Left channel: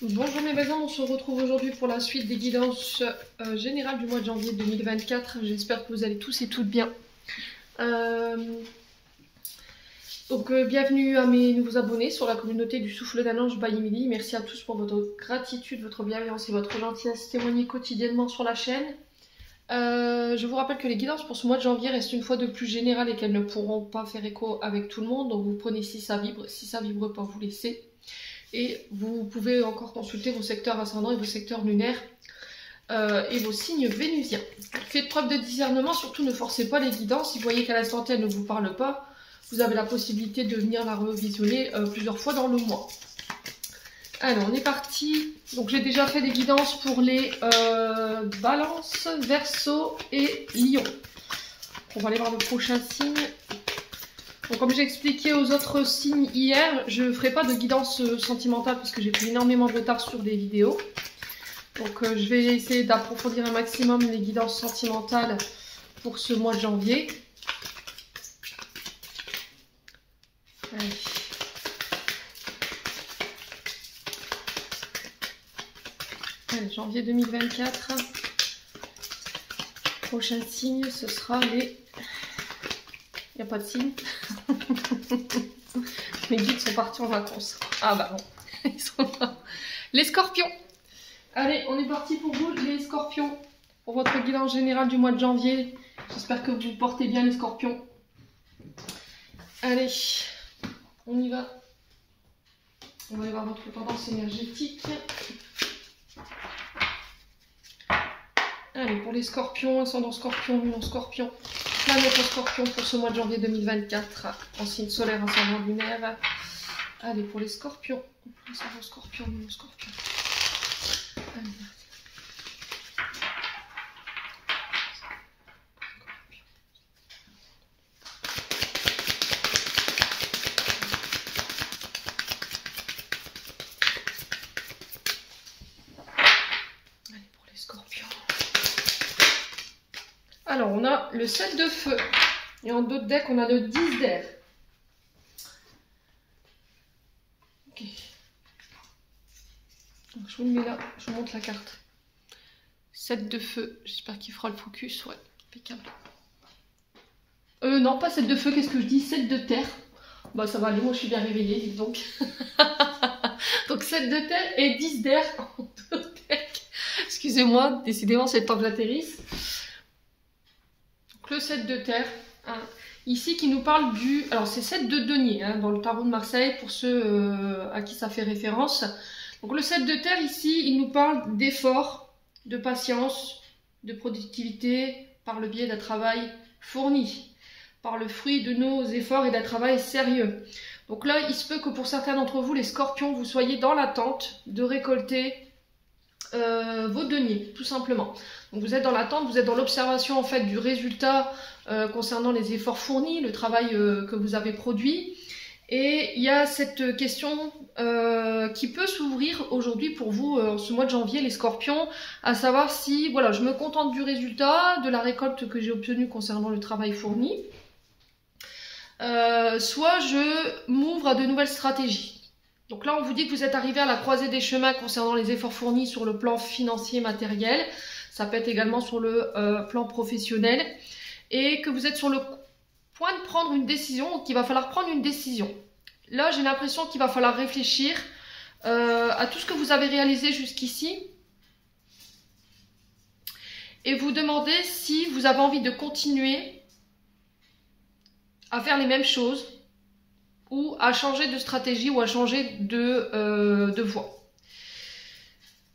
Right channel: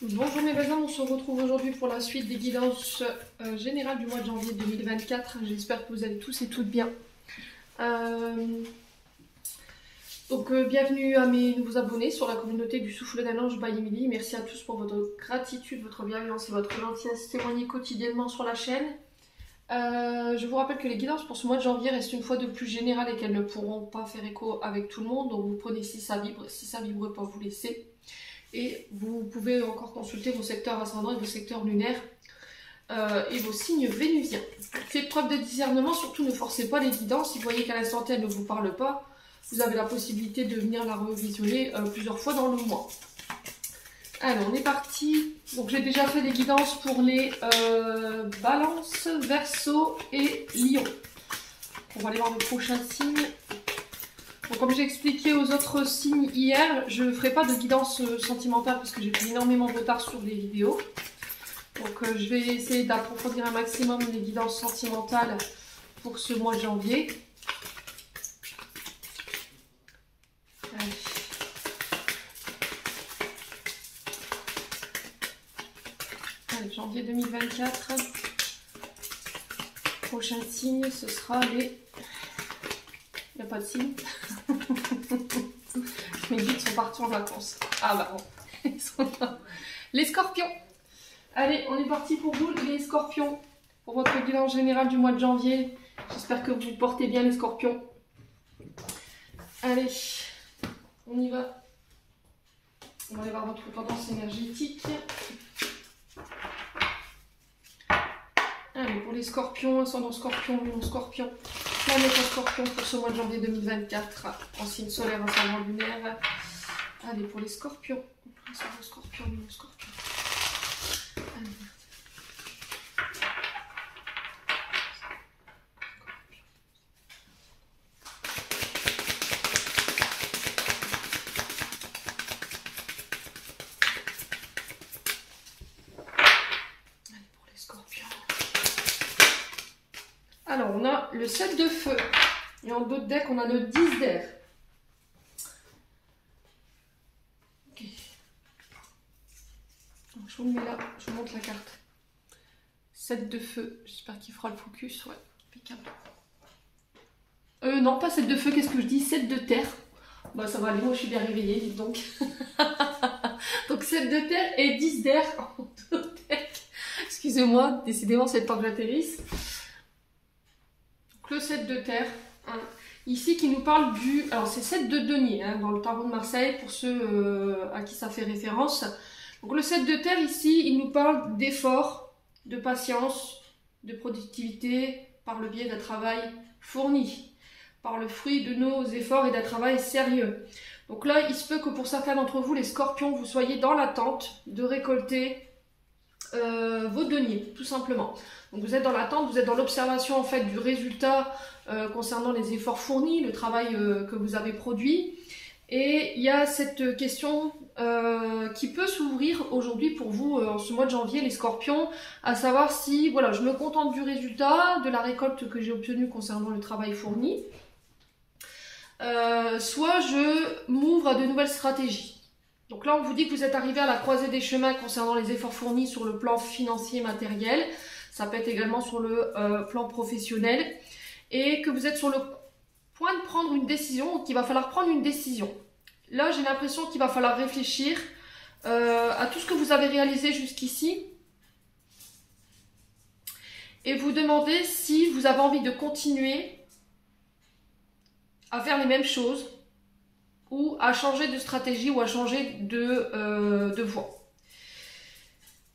Bonjour mes voisins, on se retrouve aujourd'hui pour la suite des guidances générales du mois de janvier 2024. J'espère que vous allez tous et toutes bien. Bienvenue à mes nouveaux abonnés sur la communauté du Souffle d'un Ange by Emily. Merci à tous pour votre gratitude, votre bienveillance et votre gentillesse témoignée quotidiennement sur la chaîne. Je vous rappelle que les guidances pour ce mois de janvier restent une fois de plus générales et qu'elles ne pourront pas faire écho avec tout le monde. Donc vous prenez si ça vibre pas, vous laissez. Et vous pouvez encore consulter vos secteurs ascendants et vos secteurs lunaires et vos signes vénusiens. Faites preuve de discernement, surtout ne forcez pas les guidances. Si vous voyez qu'à l'instant T, elle ne vous parle pas, vous avez la possibilité de venir la revisionner plusieurs fois dans le mois. Alors, on est parti. Donc, j'ai déjà fait des guidances pour les Balance, Verseau et Lion. On va aller voir le prochain signe. Donc, comme j'ai expliqué aux autres signes hier, je ne ferai pas de guidance sentimentale parce que j'ai pris énormément de retard sur des vidéos. Donc, je vais essayer d'approfondir un maximum les guidances sentimentales pour ce mois de janvier. Allez. Allez, janvier 2024. Prochain signe, ce sera les... Il n'y a pas de signe. Mes guides sont partis en vacances. Ah bah non, ils sont là. Les scorpions. Allez, on est parti pour vous, les scorpions. Pour votre guidance générale du mois de janvier. J'espère que vous portez bien les scorpions. Allez, on y va. On va aller voir votre tendance énergétique. Allez, pour les scorpions, ascendant scorpion, lune en scorpion. Planète en scorpion pour ce mois de janvier 2024, en signe solaire, ascendant lunaire. Allez, pour les scorpions, ascendant scorpion, lune en scorpion. Allez. Allez, pour les scorpions. Alors, on a le 7 de feu. Et en d'autres decks, on a le 10 d'air. Ok. Donc, je vous le mets là. Je vous montre la carte. 7 de feu. J'espère qu'il fera le focus. Ouais, impeccable. Non, pas 7 de feu. Qu'est-ce que je dis? 7 de terre. Bah, ça va aller. Moi, je suis bien réveillée. Dites donc. Donc, 7 de terre et 10 d'air en deux decks. Excusez-moi. Décidément, c'est le temps que j'atterrisse. Le 7 de terre, hein, ici qui nous parle du... Alors c'est 7 de denier hein, dans le tarot de Marseille pour ceux à qui ça fait référence. Donc le 7 de terre ici, il nous parle d'effort, de patience, de productivité par le biais d'un travail fourni, par le fruit de nos efforts et d'un travail sérieux. Donc là, il se peut que pour certains d'entre vous, les scorpions, vous soyez dans l'attente de récolter vos deniers, tout simplement. Donc vous êtes dans l'attente, vous êtes dans l'observation en fait du résultat concernant les efforts fournis, le travail que vous avez produit. Et il y a cette question qui peut s'ouvrir aujourd'hui pour vous en ce mois de janvier, les scorpions, à savoir si voilà, je me contente du résultat, de la récolte que j'ai obtenue concernant le travail fourni, soit je m'ouvre à de nouvelles stratégies. Donc là, on vous dit que vous êtes arrivé à la croisée des chemins concernant les efforts fournis sur le plan financier, matériel. Ça peut être également sur le plan professionnel. Et que vous êtes sur le point de prendre une décision, qu'il va falloir prendre une décision. Là, j'ai l'impression qu'il va falloir réfléchir à tout ce que vous avez réalisé jusqu'ici. Et vous demander si vous avez envie de continuer à faire les mêmes choses, ou à changer de stratégie ou à changer de voie.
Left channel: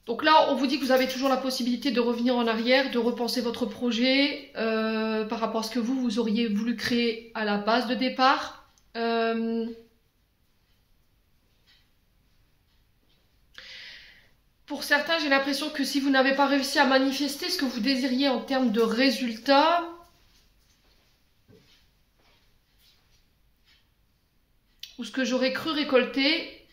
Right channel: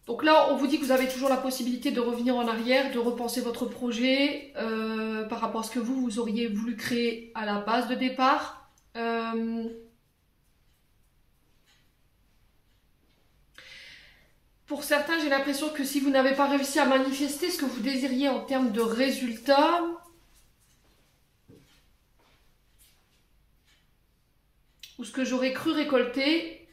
Donc là, on vous dit que vous avez toujours la possibilité de revenir en arrière, de repenser votre projet par rapport à ce que vous auriez voulu créer à la base de départ. Pour certains, j'ai l'impression que si vous n'avez pas réussi à manifester ce que vous désiriez en termes de résultats, ou ce que j'aurais cru récolter,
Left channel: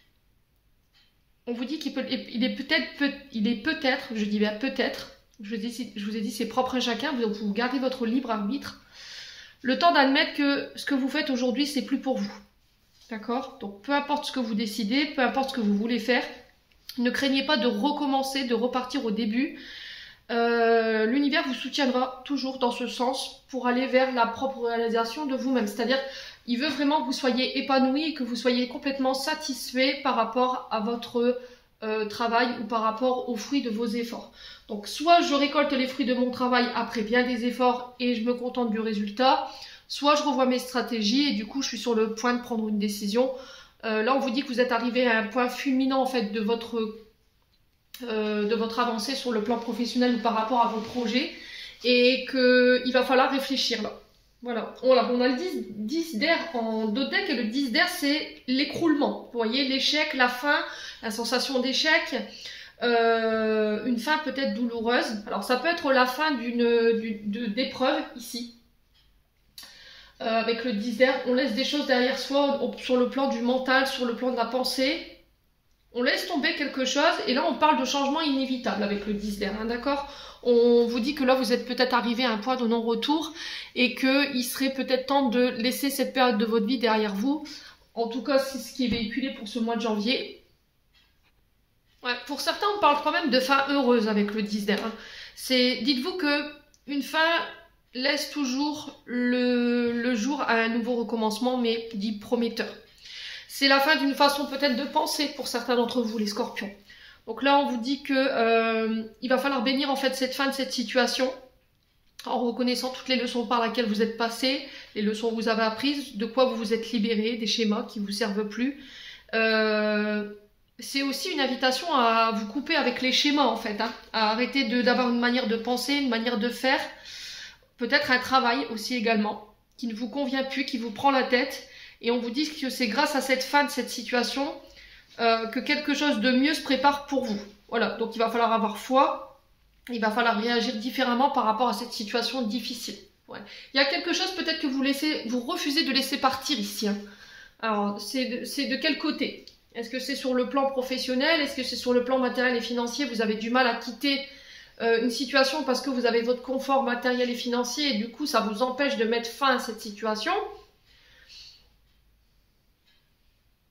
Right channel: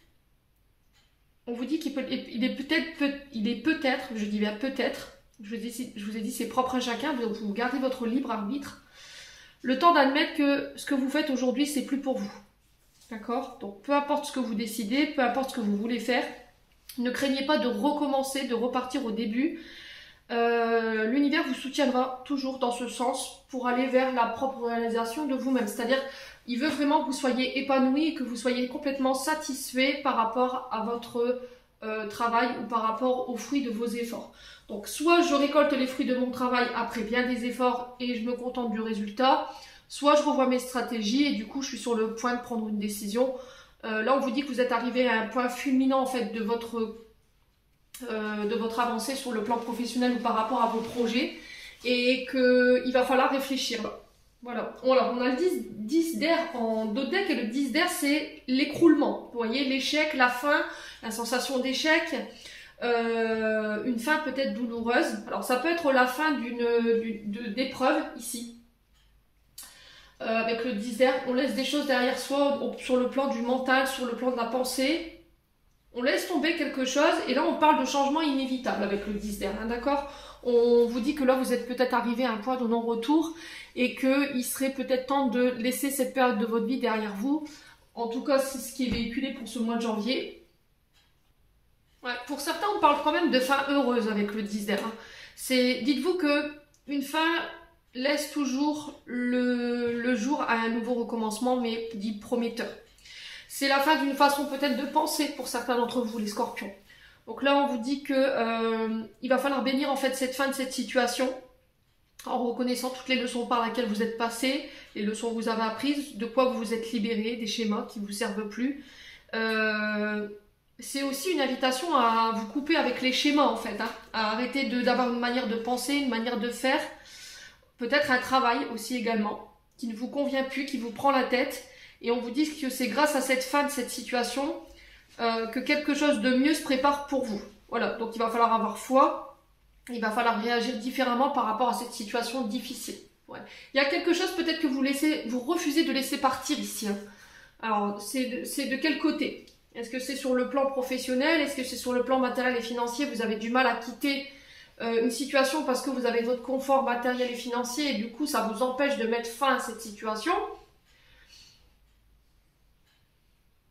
on vous dit qu'il est peut-être, je dis bien peut-être, je vous ai dit c'est propre à chacun, vous gardez votre libre arbitre, le temps d'admettre que ce que vous faites aujourd'hui, c'est plus pour vous. D'accord? Donc peu importe ce que vous décidez, peu importe ce que vous voulez faire, Ne craignez pas de recommencer, de repartir au début. L'univers vous soutiendra toujours dans ce sens pour aller vers la propre réalisation de vous-même. C'est-à-dire, il veut vraiment que vous soyez épanoui et que vous soyez complètement satisfait par rapport à votre travail ou par rapport aux fruits de vos efforts. Donc, soit je récolte les fruits de mon travail après bien des efforts et je me contente du résultat, soit je revois mes stratégies et du coup, je suis sur le point de prendre une décision. Là, on vous dit que vous êtes arrivé à un point fulminant en fait de votre avancée sur le plan professionnel ou par rapport à vos projets et qu'il va falloir réfléchir là. Voilà, on a le 10 d'air en dos de deck et le 10 d'air c'est l'écroulement. Vous voyez, l'échec, la fin, la sensation d'échec, une fin peut-être douloureuse. Alors ça peut être la fin d'épreuve ici. Avec le 10 d'air, on laisse des choses derrière soi sur le plan du mental, sur le plan de la pensée. On laisse tomber quelque chose et là on parle de changement inévitable avec le 10 d'air, hein, d'accord? On vous dit que là vous êtes peut-être arrivé à un point de non-retour et qu'il serait peut-être temps de laisser cette période de votre vie derrière vous. En tout cas, c'est ce qui est véhiculé pour ce mois de janvier. Ouais, pour certains, on parle quand même de fin heureuse avec le 10 d'air. Hein. Dites-vous que une fin laisse toujours le jour à un nouveau recommencement, mais dit prometteur. C'est la fin d'une façon peut-être de penser pour certains d'entre vous, les scorpions. Donc là, on vous dit que il va falloir bénir en fait cette fin de cette situation en reconnaissant toutes les leçons par lesquelles vous êtes passé, les leçons que vous avez apprises, de quoi vous vous êtes libéré, des schémas qui ne vous servent plus. C'est aussi une invitation à vous couper avec les schémas en fait, hein, à arrêter d'avoir une manière de penser, une manière de faire, peut-être un travail aussi également, qui ne vous convient plus, qui vous prend la tête. Et on vous dit que c'est grâce à cette fin de cette situation que quelque chose de mieux se prépare pour vous. Voilà, donc il va falloir avoir foi, il va falloir réagir différemment par rapport à cette situation difficile. Ouais. Il y a quelque chose peut-être que vous refusez de laisser partir ici. Hein. Alors, c'est de quel côté? Est-ce que c'est sur le plan professionnel? Est-ce que c'est sur le plan matériel et financier? Vous avez du mal à quitter une situation parce que vous avez votre confort matériel et financier et du coup ça vous empêche de mettre fin à cette situation.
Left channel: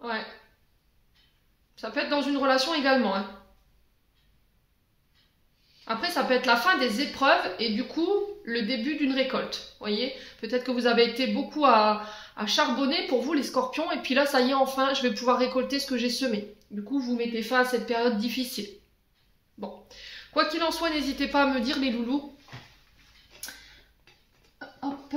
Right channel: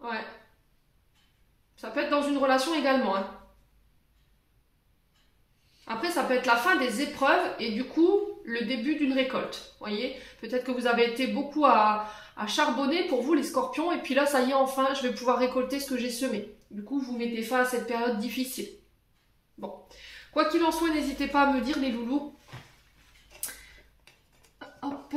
Ouais. Ça peut être dans une relation également. Hein. Après, ça peut être la fin des épreuves et du coup, le début d'une récolte. Vous voyez, peut-être que vous avez été beaucoup à charbonner pour vous, les scorpions, et puis là, ça y est, enfin, je vais pouvoir récolter ce que j'ai semé. Du coup, vous mettez fin à cette période difficile. Bon. Quoi qu'il en soit, n'hésitez pas à me dire, les loulous. Hop.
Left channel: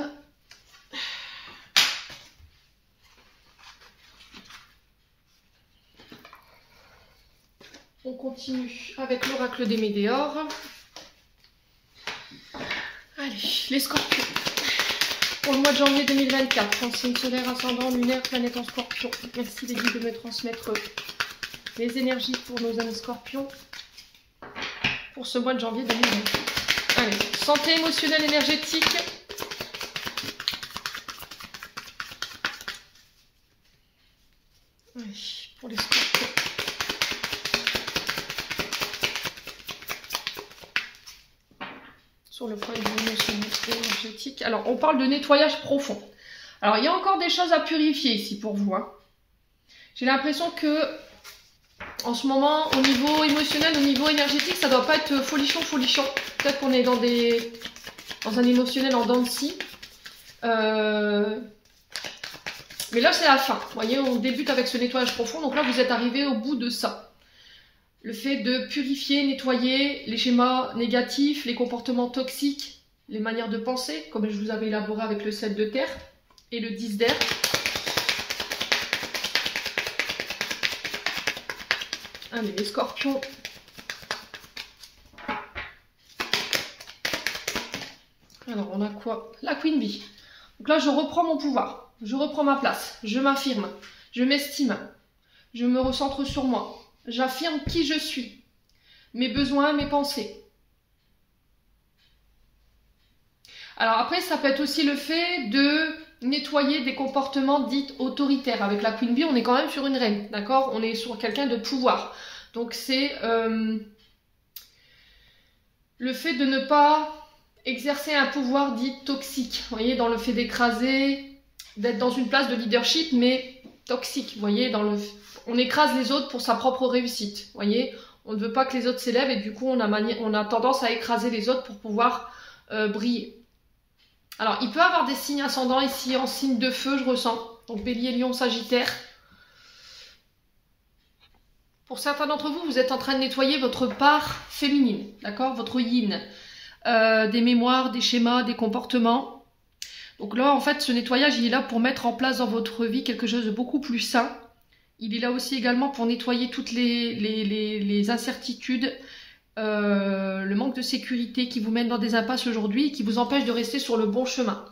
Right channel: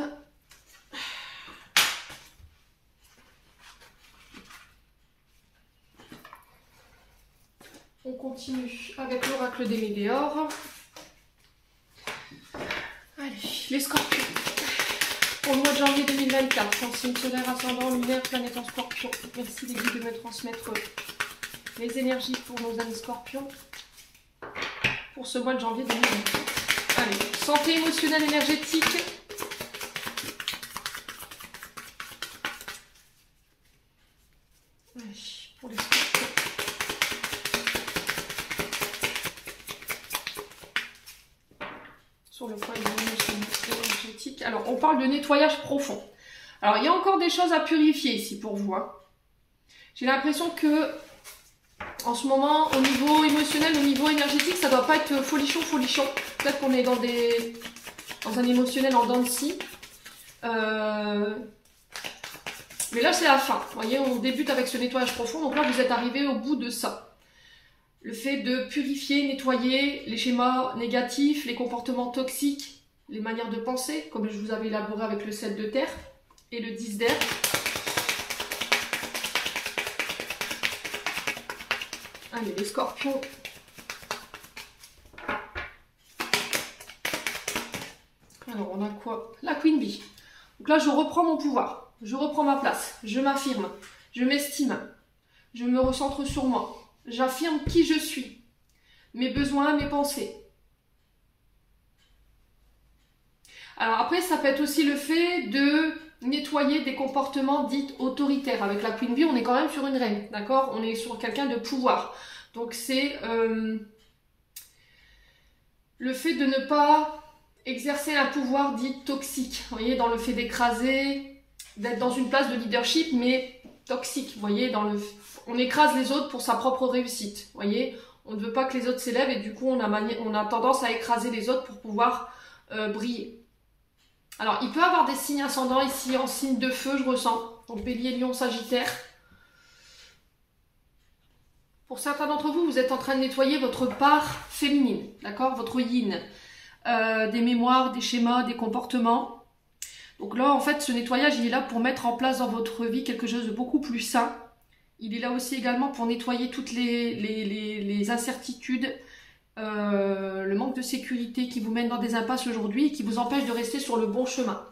On continue avec l'oracle des Médéors. Allez, les scorpions. Pour le mois de janvier 2024, en signe solaire, ascendant, lunaire, planète en scorpion. Merci les guides de me transmettre les énergies pour nos amis scorpions. Pour ce mois de janvier 2024. Allez, santé émotionnelle énergétique. Allez, pour les scorpions. Sur le point de vue énergétique. Alors, on parle de nettoyage profond. Alors, il y a encore des choses à purifier ici pour vous. Hein. J'ai l'impression que, en ce moment, au niveau émotionnel, au niveau énergétique, ça ne doit pas être folichon. Peut-être qu'on est dans un émotionnel en dents de scie. Mais là, c'est la fin. Vous voyez, on débute avec ce nettoyage profond. Donc là, vous êtes arrivé au bout de ça. Le fait de purifier, nettoyer les schémas négatifs, les comportements toxiques, les manières de penser, comme je vous avais élaboré avec le 7 de terre et le 10 d'air. Allez, les scorpions. Alors, on a quoi? La Queen Bee. Donc là, je reprends mon pouvoir. Je reprends ma place. Je m'affirme. Je m'estime. Je me recentre sur moi. J'affirme qui je suis, mes besoins, mes pensées. Alors après, ça peut être aussi le fait de nettoyer des comportements dits autoritaires. Avec la Queen Bee, on est quand même sur une reine, d'accord? On est sur quelqu'un de pouvoir. Donc c'est le fait de ne pas exercer un pouvoir dit toxique. Vous voyez, dans le fait d'écraser, d'être dans une place de leadership, mais toxique. Vous voyez, on écrase les autres pour sa propre réussite. Vous voyez, on ne veut pas que les autres s'élèvent et du coup, on a tendance à écraser les autres pour pouvoir briller. Alors, il peut y avoir des signes ascendants ici en signe de feu, je ressens. Donc, Bélier, Lion, Sagittaire. Pour certains d'entre vous, vous êtes en train de nettoyer votre part féminine, d'accord? Votre yin. Des mémoires, des schémas, des comportements. Donc là, en fait, ce nettoyage, il est là pour mettre en place dans votre vie quelque chose de beaucoup plus sain. Il est là aussi également pour nettoyer toutes les incertitudes, le manque de sécurité qui vous mène dans des impasses aujourd'hui et qui vous empêche de rester sur le bon chemin.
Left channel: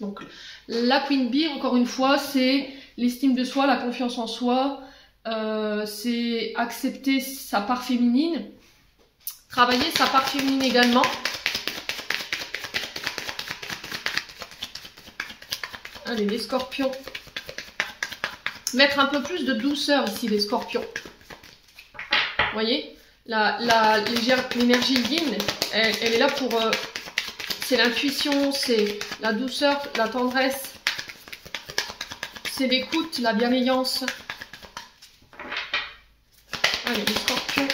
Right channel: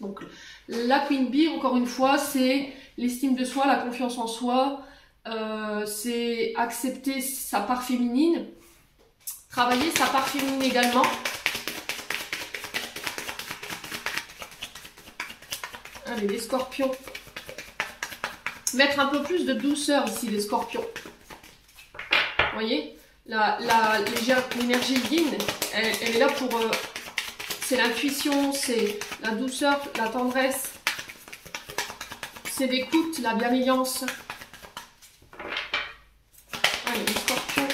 Donc, la Queen Bee, encore une fois, c'est l'estime de soi, la confiance en soi, c'est accepter sa part féminine, travailler sa part féminine également. Allez, les scorpions. Mettre un peu plus de douceur ici, les scorpions. Vous voyez, l'énergie yin, elle est là pour... c'est l'intuition, c'est la douceur, la tendresse. C'est l'écoute, la bienveillance. Allez, les scorpions.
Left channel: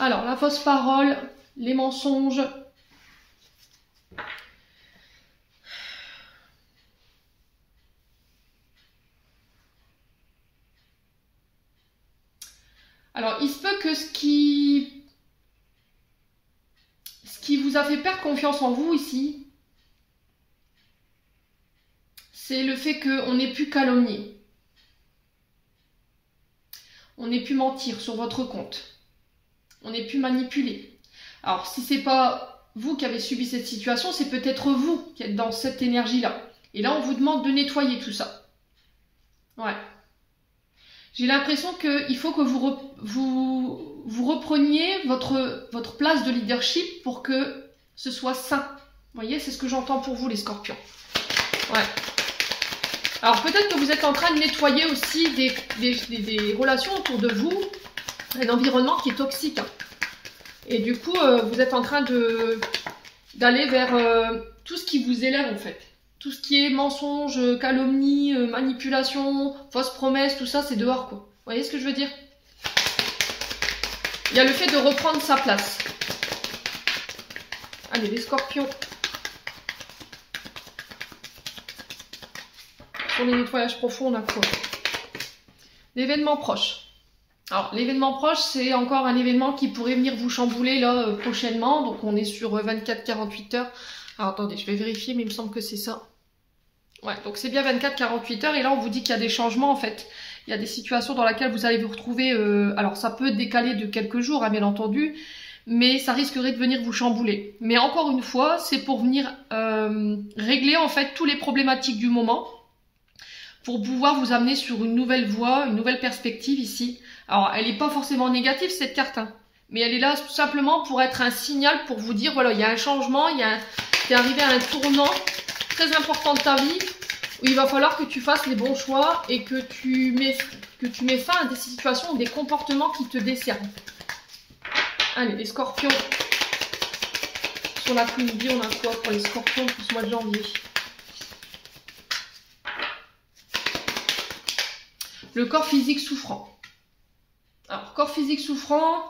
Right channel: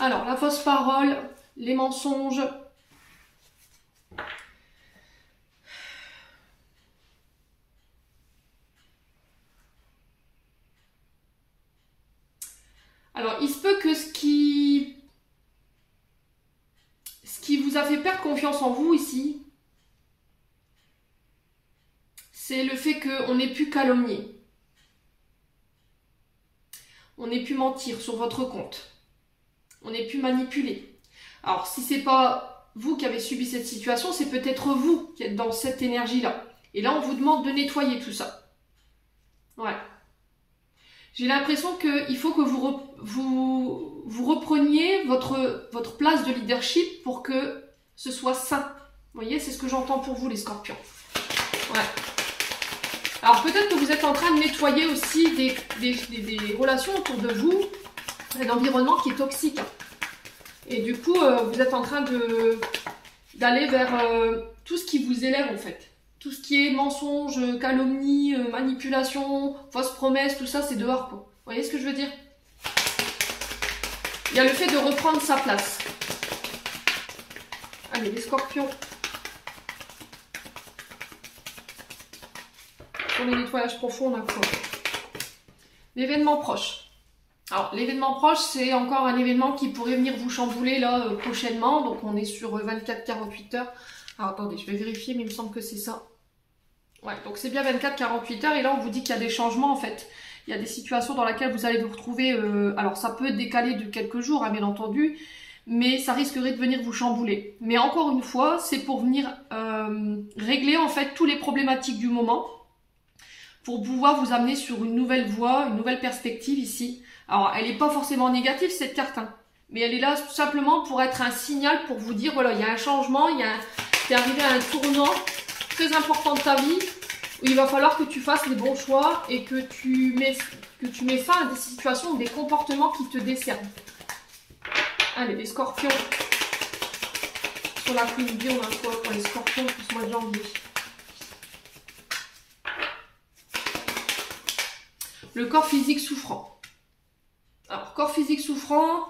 Alors, la fausse parole, les mensonges. Alors, il se peut que ce qui vous a fait perdre confiance en vous ici, c'est le fait qu'on ait pu calomnier. On ait pu mentir sur votre compte. On ait pu manipuler. Alors, si c'est pas vous qui avez subi cette situation, c'est peut-être vous qui êtes dans cette énergie-là. Et là, on vous demande de nettoyer tout ça. Ouais. J'ai l'impression qu'il faut que vous repreniez votre place de leadership pour que ce soit sain. Vous voyez, c'est ce que j'entends pour vous, les scorpions. Ouais. Alors, peut-être que vous êtes en train de nettoyer aussi des relations autour de vous, un environnement qui est toxique. Et du coup, vous êtes en train d'aller vers tout ce qui vous élève, en fait. Tout ce qui est mensonge, calomnie, manipulation, fausses promesses, tout ça, c'est dehors, quoi. Vous voyez ce que je veux dire? Il y a le fait de reprendre sa place. Allez, les scorpions. Pour les nettoyages profonds, on a quoi? L'événement proche. Alors, l'événement proche, c'est encore un événement qui pourrait venir vous chambouler là prochainement. Donc, on est sur 24-48 heures. Alors, attendez, je vais vérifier, mais il me semble que c'est ça. Ouais, donc c'est bien 24-48 heures. Et là, on vous dit qu'il y a des changements, en fait. Il y a des situations dans lesquelles vous allez vous retrouver... alors, ça peut décaler de quelques jours, hein, bien entendu. Mais ça risquerait de venir vous chambouler. Mais encore une fois, c'est pour venir régler, en fait, tous les problématiques du moment. Pour pouvoir vous amener sur une nouvelle voie, une nouvelle perspective ici. Alors, elle n'est pas forcément négative, cette carte. Hein. Mais elle est là tout simplement pour être un signal pour vous dire, voilà, il y a un changement, t'es arrivé à un tournant très important de ta vie où il va falloir que tu fasses les bons choix et que tu mets fin à des situations ou des comportements qui te desservent. Allez, les scorpions. Sur la Queen Bee, on a quoi pour les scorpions pour ce mois de janvier? Le corps physique souffrant. Alors, corps physique souffrant,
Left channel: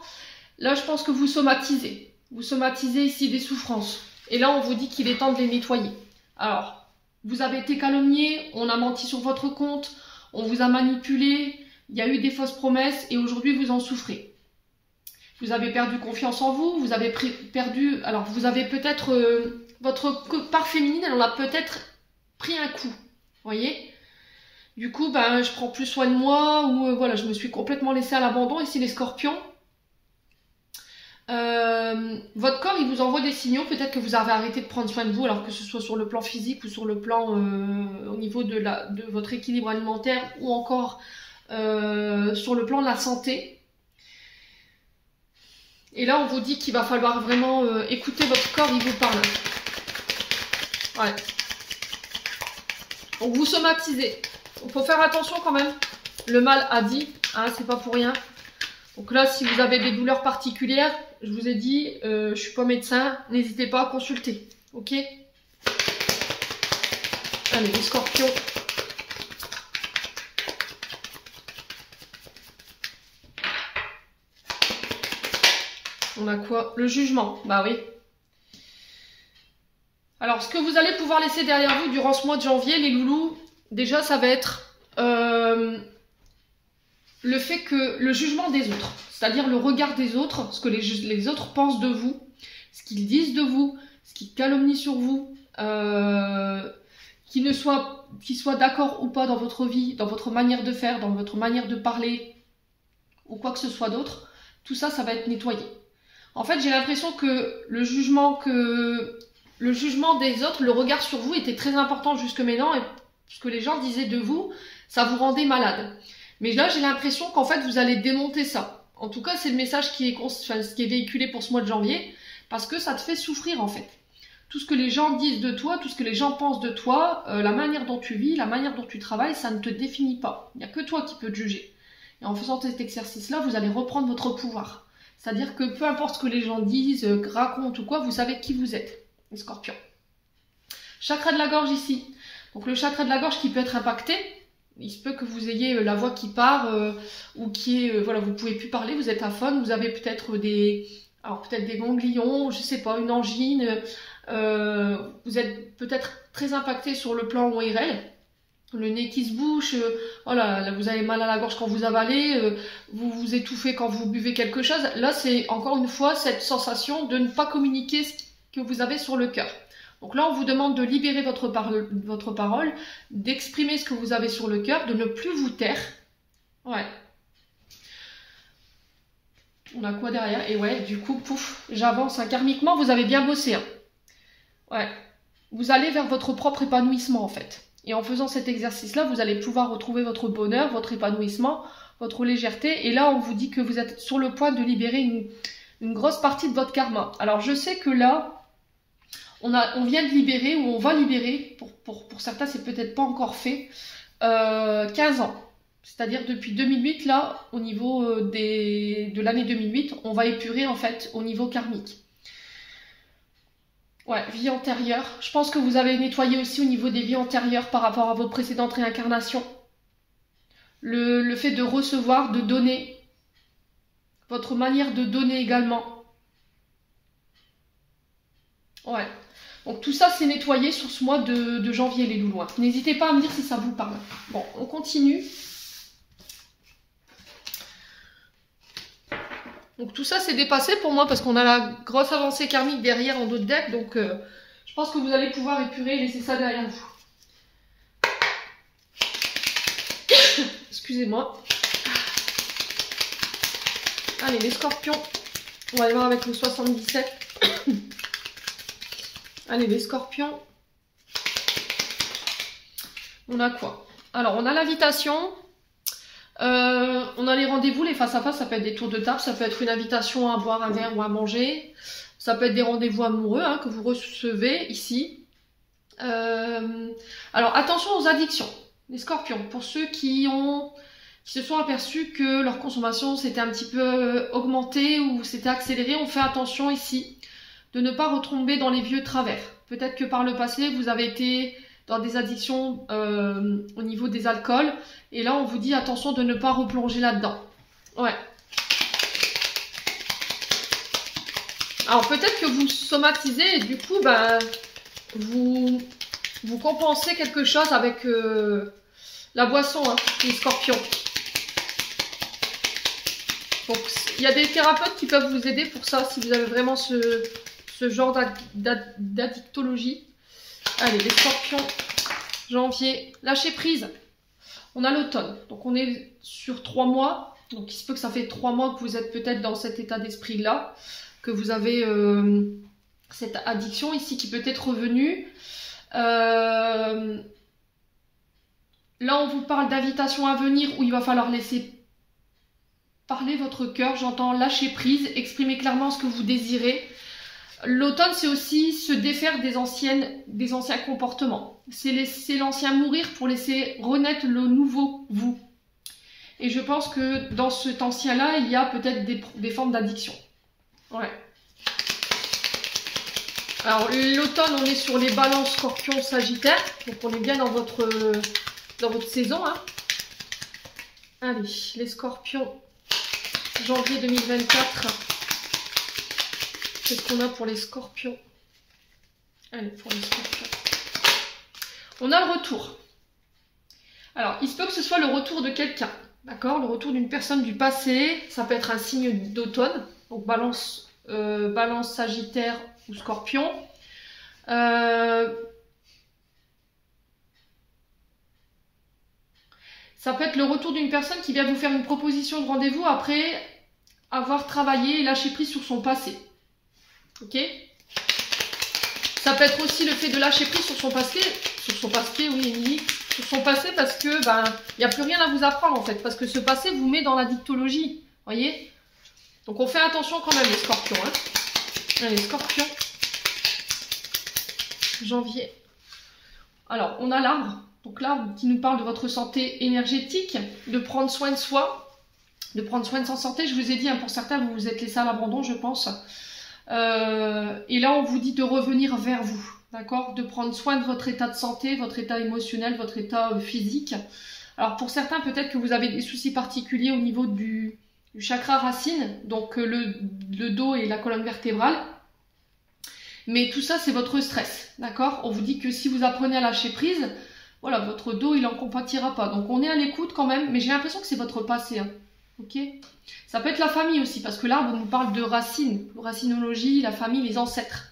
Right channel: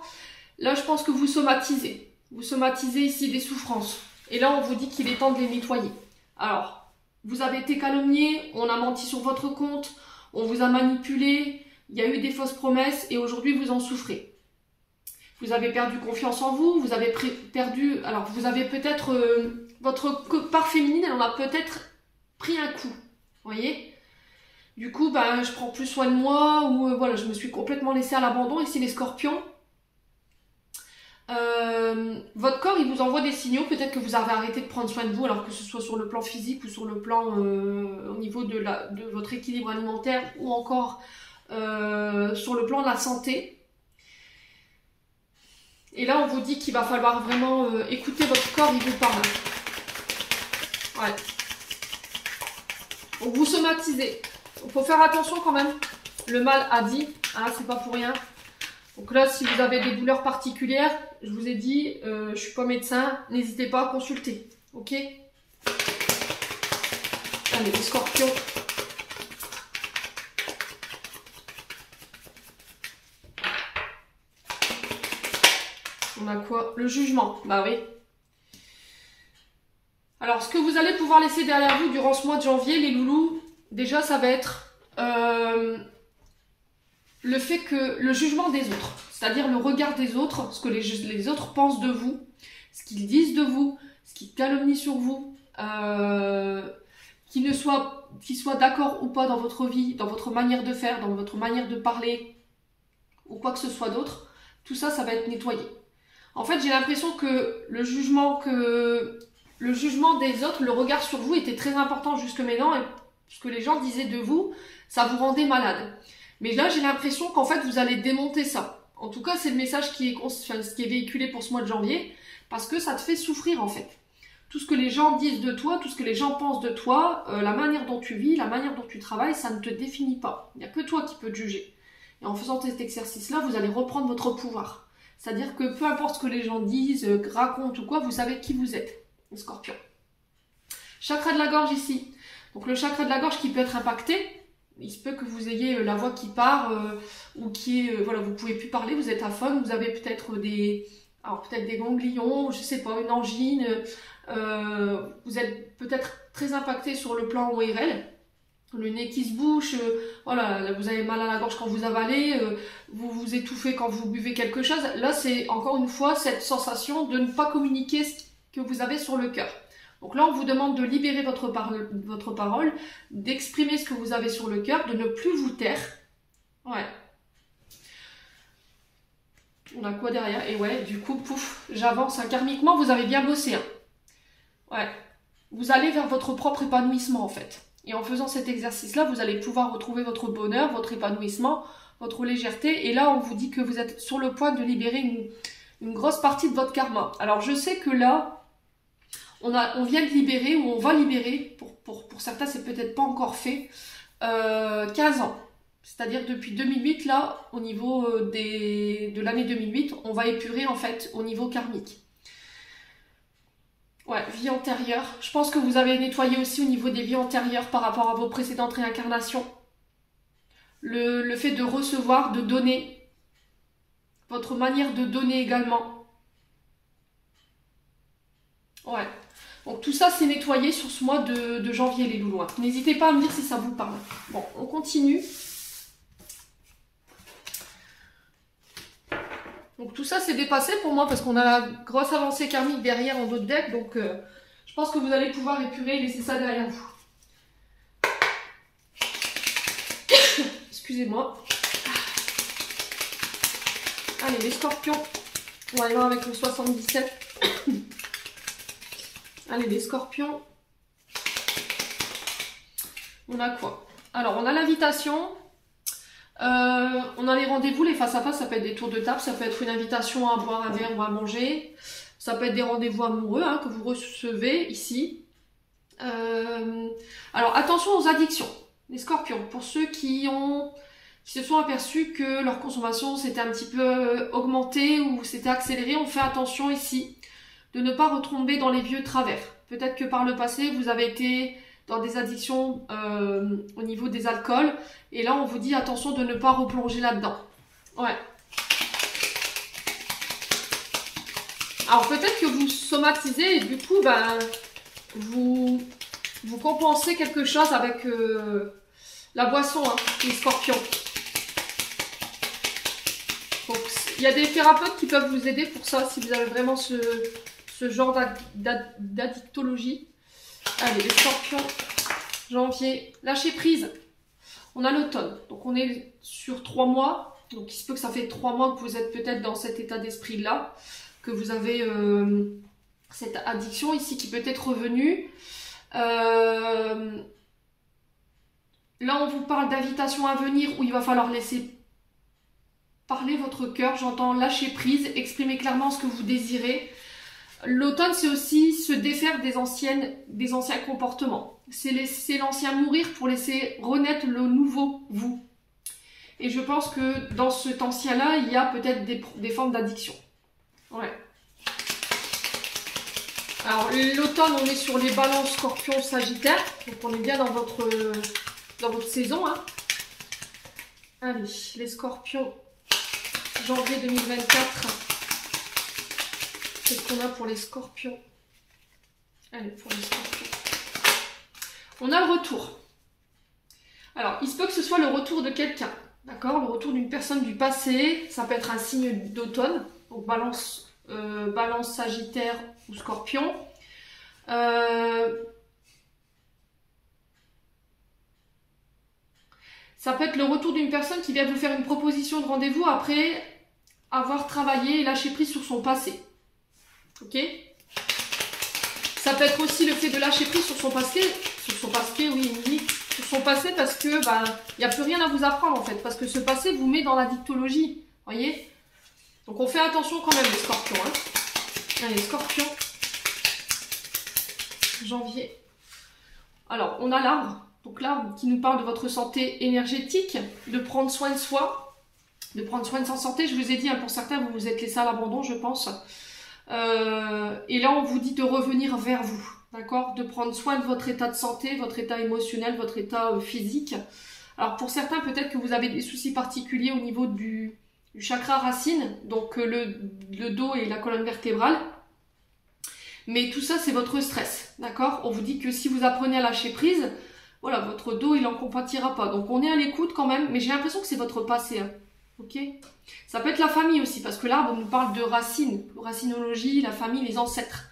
là, je pense que vous somatisez. Vous somatisez ici des souffrances. Et là, on vous dit qu'il est temps de les nettoyer. Alors, vous avez été calomnié, on a menti sur votre compte, on vous a manipulé, il y a eu des fausses promesses et aujourd'hui, vous en souffrez. Vous avez perdu confiance en vous, vous avez perdu... Alors, vous avez peut-être... votre part féminine, elle en a peut-être pris un coup. Vous voyez ? Du coup, ben, je prends plus soin de moi ou voilà, je me suis complètement laissée à l'abandon. Ici, les scorpions. Votre corps, il vous envoie des signaux. Peut-être que vous avez arrêté de prendre soin de vous, alors que ce soit sur le plan physique ou sur le plan au niveau de votre équilibre alimentaire ou encore sur le plan de la santé. Et là, on vous dit qu'il va falloir vraiment écouter votre corps, il vous parle. Ouais. Donc, vous somatisez. Il faut faire attention quand même. Le mal a dit, hein, c'est pas pour rien. Donc là, si vous avez des douleurs particulières, je vous ai dit, je suis pas médecin, n'hésitez pas à consulter. Ok? Allez, les scorpions. On a quoi? Le jugement. Bah oui. Alors, ce que vous allez pouvoir laisser derrière vous durant ce mois de janvier, les loulous, déjà, ça va être le fait que le jugement des autres, c'est-à-dire le regard des autres, ce que les autres pensent de vous, ce qu'ils disent de vous, ce qu'ils calomnient sur vous, qu'ils soient d'accord ou pas dans votre vie, dans votre manière de faire, dans votre manière de parler, ou quoi que ce soit d'autre, tout ça, ça va être nettoyé. En fait, j'ai l'impression que le jugement des autres, le regard sur vous était très important jusque maintenant, et ce que les gens disaient de vous, ça vous rendait malade. Mais là, j'ai l'impression qu'en fait, vous allez démonter ça. En tout cas, c'est le message qui est véhiculé pour ce mois de janvier, parce que ça te fait souffrir en fait. Tout ce que les gens disent de toi, tout ce que les gens pensent de toi, la manière dont tu vis, la manière dont tu travailles, ça ne te définit pas. Il n'y a que toi qui peux te juger. Et en faisant cet exercice-là, vous allez reprendre votre pouvoir. C'est-à-dire que peu importe ce que les gens disent, racontent ou quoi, vous savez qui vous êtes, les scorpions. Chakra de la gorge ici. Donc le chakra de la gorge qui peut être impacté, il se peut que vous ayez la voix qui part ou qui est, voilà, vous pouvez plus parler, vous êtes aphone, vous avez peut-être des ganglions, je sais pas, une angine, vous êtes peut-être très impacté sur le plan ORL, le nez qui se bouche, voilà, là, vous avez mal à la gorge quand vous avalez, vous vous étouffez quand vous buvez quelque chose. Là, c'est encore une fois cette sensation de ne pas communiquer ce que vous avez sur le cœur. Donc là, on vous demande de libérer votre parole, d'exprimer ce que vous avez sur le cœur, de ne plus vous taire. Ouais. On a quoi derrière? Et ouais, du coup, pouf, j'avance. Hein. Karmiquement, vous avez bien bossé. Hein. Ouais. Vous allez vers votre propre épanouissement, en fait. Et en faisant cet exercice-là, vous allez pouvoir retrouver votre bonheur, votre épanouissement, votre légèreté. Et là, on vous dit que vous êtes sur le point de libérer une grosse partie de votre karma. Alors, je sais que là, on vient de libérer, ou on va libérer, pour certains c'est peut-être pas encore fait, 15 ans. C'est-à-dire depuis 2008, là, au niveau de l'année 2008, on va épurer en fait au niveau karmique. Ouais, vie antérieure. Je pense que vous avez nettoyé aussi au niveau des vies antérieures par rapport à vos précédentes réincarnations. Le fait de recevoir, de donner, votre manière de donner également. Ouais. Donc tout ça c'est nettoyé sur ce mois de janvier les loulous. N'hésitez pas à me dire si ça vous parle. Bon, on continue. Donc tout ça c'est dépassé pour moi parce qu'on a la grosse avancée karmique derrière en d'autres decks. Donc je pense que vous allez pouvoir épurer et laisser ça derrière vous. Excusez-moi. Allez les scorpions. On va aller voir avec le 77. Allez, les scorpions. On a quoi? Alors, on a l'invitation. On a les rendez-vous, les face-à-face. Ça peut être des tours de table. Ça peut être une invitation à boire un verre ou à manger. Ça peut être des rendez-vous amoureux que vous recevez ici. Alors, attention aux addictions. Les scorpions. Pour ceux qui se sont aperçus que leur consommation s'était un petit peu augmentée ou s'était accélérée, on fait attention ici de ne pas retomber dans les vieux travers. Peut-être que par le passé, vous avez été dans des addictions au niveau des alcools. Et là, on vous dit attention de ne pas replonger là-dedans. Ouais. Alors, peut-être que vous somatisez et du coup, bah, vous compensez quelque chose avec la boisson, les scorpions. Donc, il y a des thérapeutes qui peuvent vous aider pour ça, si vous avez vraiment ce genre d'addictologie. Allez, les scorpions, janvier, lâcher prise. On a l'automne, donc on est sur 3 mois. Donc il se peut que ça fait 3 mois que vous êtes peut-être dans cet état d'esprit-là, que vous avez cette addiction ici qui peut être revenue. Là, on vous parle d'invitation à venir où il va falloir laisser parler votre cœur. J'entends lâcher prise, exprimer clairement ce que vous désirez. L'automne, c'est aussi se défaire des anciens comportements. C'est laisser l'ancien mourir pour laisser renaître le nouveau vous. Et je pense que dans cet ancien-là, il y a peut-être des formes d'addiction. Ouais. Alors, l'automne, on est sur les balances scorpions sagittaires. Donc, on est bien dans votre saison. Allez, les scorpions, janvier 2024. Qu'est-ce qu'on a pour les scorpions? Allez, pour les scorpions. On a le retour. Alors, il se peut que ce soit le retour de quelqu'un. D'accord? Le retour d'une personne du passé. Ça peut être un signe d'automne. Donc, balance, sagittaire ou scorpion. Ça peut être le retour d'une personne qui vient vous faire une proposition de rendez-vous après avoir travaillé et lâché prise sur son passé. Ok? Ça peut être aussi le fait de lâcher prise sur son passé, oui, sur son passé parce que il n'y a plus rien à vous apprendre en fait, parce que ce passé vous met dans la dictologie, voyez? Donc on fait attention quand même les scorpions. Hein. Allez, scorpions. Janvier. Alors, on a l'arbre. Donc l'arbre qui nous parle de votre santé énergétique, de prendre soin de soi, de prendre soin de sa santé. Je vous ai dit, hein, pour certains, vous vous êtes laissé à l'abandon, je pense. Et là, on vous dit de revenir vers vous, d'accord? De prendre soin de votre état de santé, votre état émotionnel, votre état physique. Alors pour certains, peut-être que vous avez des soucis particuliers au niveau du chakra racine, donc le dos et la colonne vertébrale. Mais tout ça, c'est votre stress, d'accord? On vous dit que si vous apprenez à lâcher prise, voilà, votre dos, il n'en compatira pas. Donc, on est à l'écoute quand même, mais j'ai l'impression que c'est votre passé, hein. Ok? Ça peut être la famille aussi, parce que l'arbre nous parle de racines, racinologie, la famille, les ancêtres.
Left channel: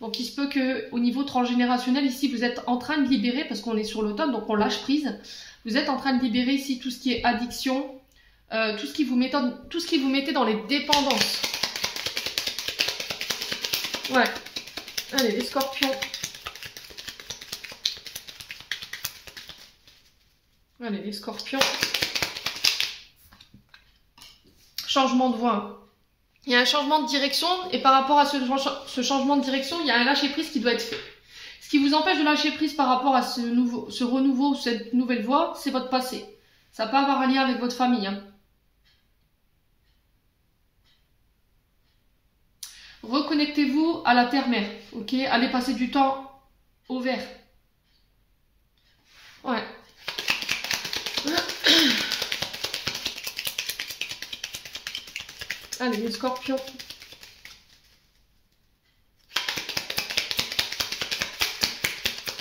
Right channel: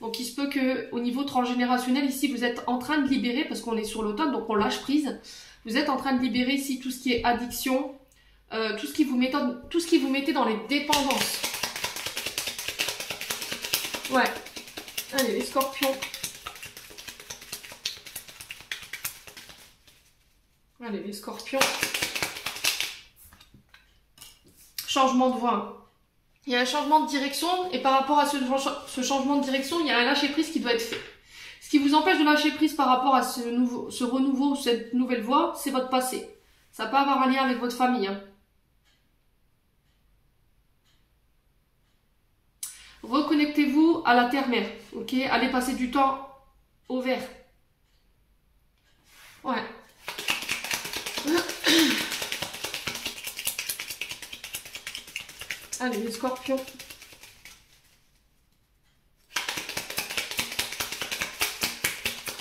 Donc, il se peut qu'au niveau transgénérationnel, ici, vous êtes en train de libérer, parce qu'on est sur l'automne, donc on lâche prise. Vous êtes en train de libérer ici tout ce qui est addiction, tout ce qui vous mettait dans les dépendances. Ouais. Allez, les scorpions. Allez, les scorpions. Changement de voie. Il y a un changement de direction et par rapport à ce changement de direction, il y a un lâcher-prise qui doit être fait. Ce qui vous empêche de lâcher prise par rapport à ce renouveau, cette nouvelle voie, c'est votre passé. Ça peut avoir un lien avec votre famille. Hein. Reconnectez-vous à la terre-mère, ok? Allez passer du temps au vert. Ouais. Allez, les scorpions.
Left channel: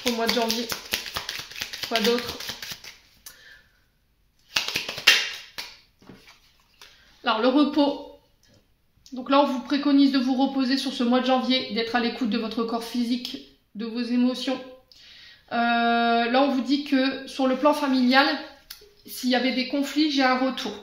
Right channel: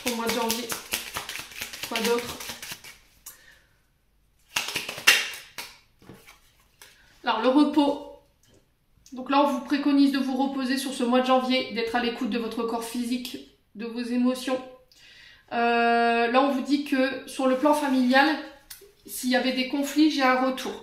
Au mois de janvier. Quoi d'autre? Alors, le repos. Donc là, on vous préconise de vous reposer sur ce mois de janvier, d'être à l'écoute de votre corps physique, de vos émotions. Là, on vous dit que sur le plan familial, s'il y avait des conflits, j'ai un retour.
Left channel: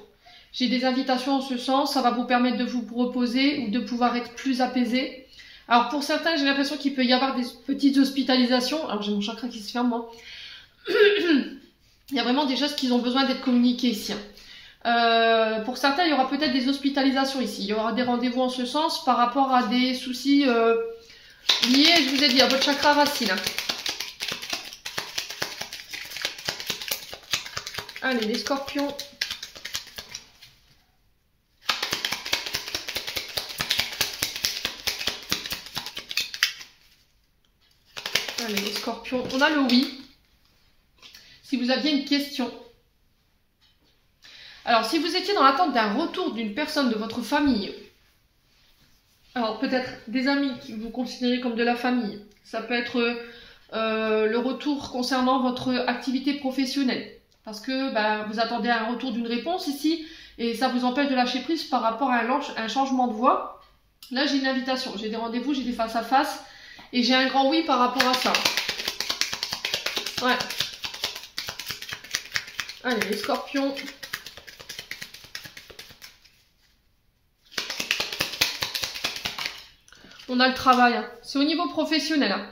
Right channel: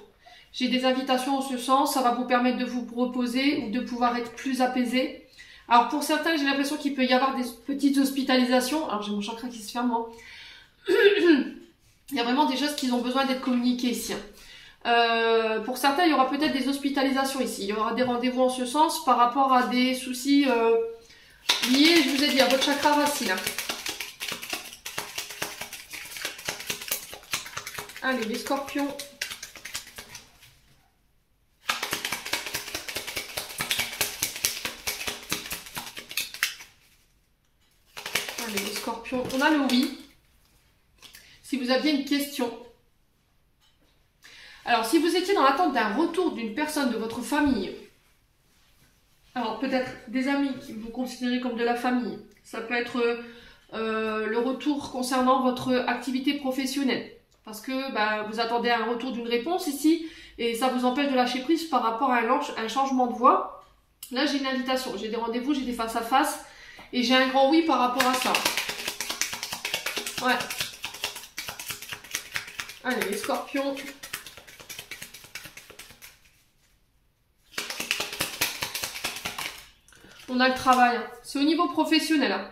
J'ai des invitations en ce sens, ça va vous permettre de vous reposer ou de pouvoir être plus apaisé. Alors pour certains, j'ai l'impression qu'il peut y avoir des petites hospitalisations. Alors j'ai mon chakra qui se ferme, moi. Il y a vraiment des choses qui ont besoin d'être communiquées ici. Pour certains, il y aura peut-être des hospitalisations ici. Il y aura des rendez-vous en ce sens par rapport à des soucis liés, je vous ai dit, à votre chakra racine. Allez, les scorpions. Allez, les scorpions. On a le oui. Si vous aviez une question. Alors, si vous étiez dans l'attente d'un retour d'une personne de votre famille, alors peut-être des amis qui vous considérez comme de la famille, ça peut être le retour concernant votre activité professionnelle, parce que vous attendez un retour d'une réponse ici, et ça vous empêche de lâcher prise par rapport à un changement de voie. Là, j'ai une invitation, j'ai des rendez-vous, j'ai des face-à-face, et j'ai un grand oui par rapport à ça. Ouais. Allez, les scorpions. On a le travail. Hein. C'est au niveau professionnel. Hein.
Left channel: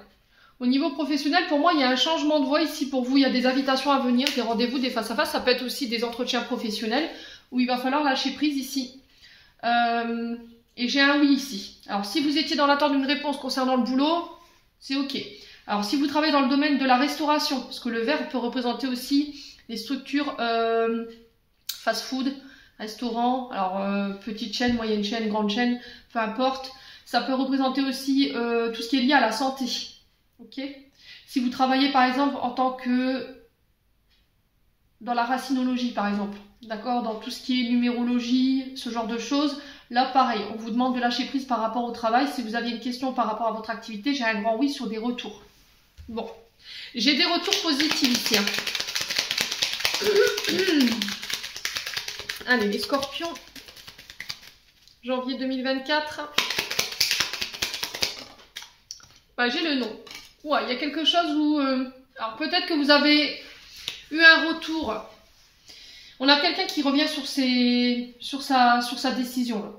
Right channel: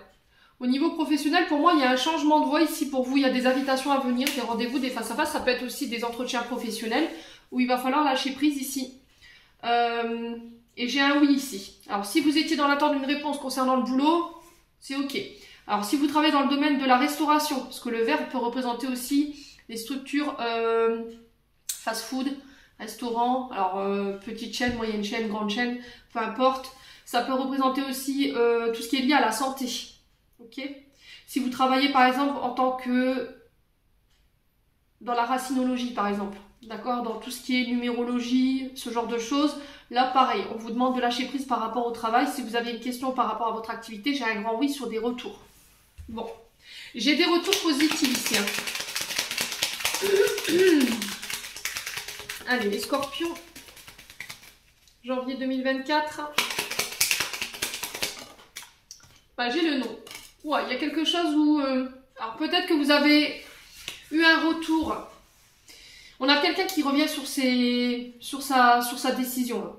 Au niveau professionnel, pour moi, il y a un changement de voie ici pour vous. Il y a des invitations à venir, des rendez-vous, des face-à-face. Ça peut être aussi des entretiens professionnels où il va falloir lâcher prise ici. Et j'ai un oui ici. Alors, si vous étiez dans l'attente d'une réponse concernant le boulot, c'est OK. Alors, si vous travaillez dans le domaine de la restauration, parce que le vert peut représenter aussi les structures fast-food, restaurant, alors petite chaîne, moyenne chaîne, grande chaîne, peu importe. Ça peut représenter aussi tout ce qui est lié à la santé. Ok. Si vous travaillez par exemple en tant que dans la racinologie par exemple, d'accord, dans tout ce qui est numérologie, ce genre de choses, Là, pareil, on vous demande de lâcher prise par rapport au travail. Si vous avez une question par rapport à votre activité, j'ai un grand oui sur des retours. Bon, j'ai des retours positifs ici. Hein. Allez, les scorpions. Janvier 2024. Bah, j'ai le nom. Ouais, il y a quelque chose où... alors, peut-être que vous avez eu un retour. On a quelqu'un qui revient sur sa décision. Là.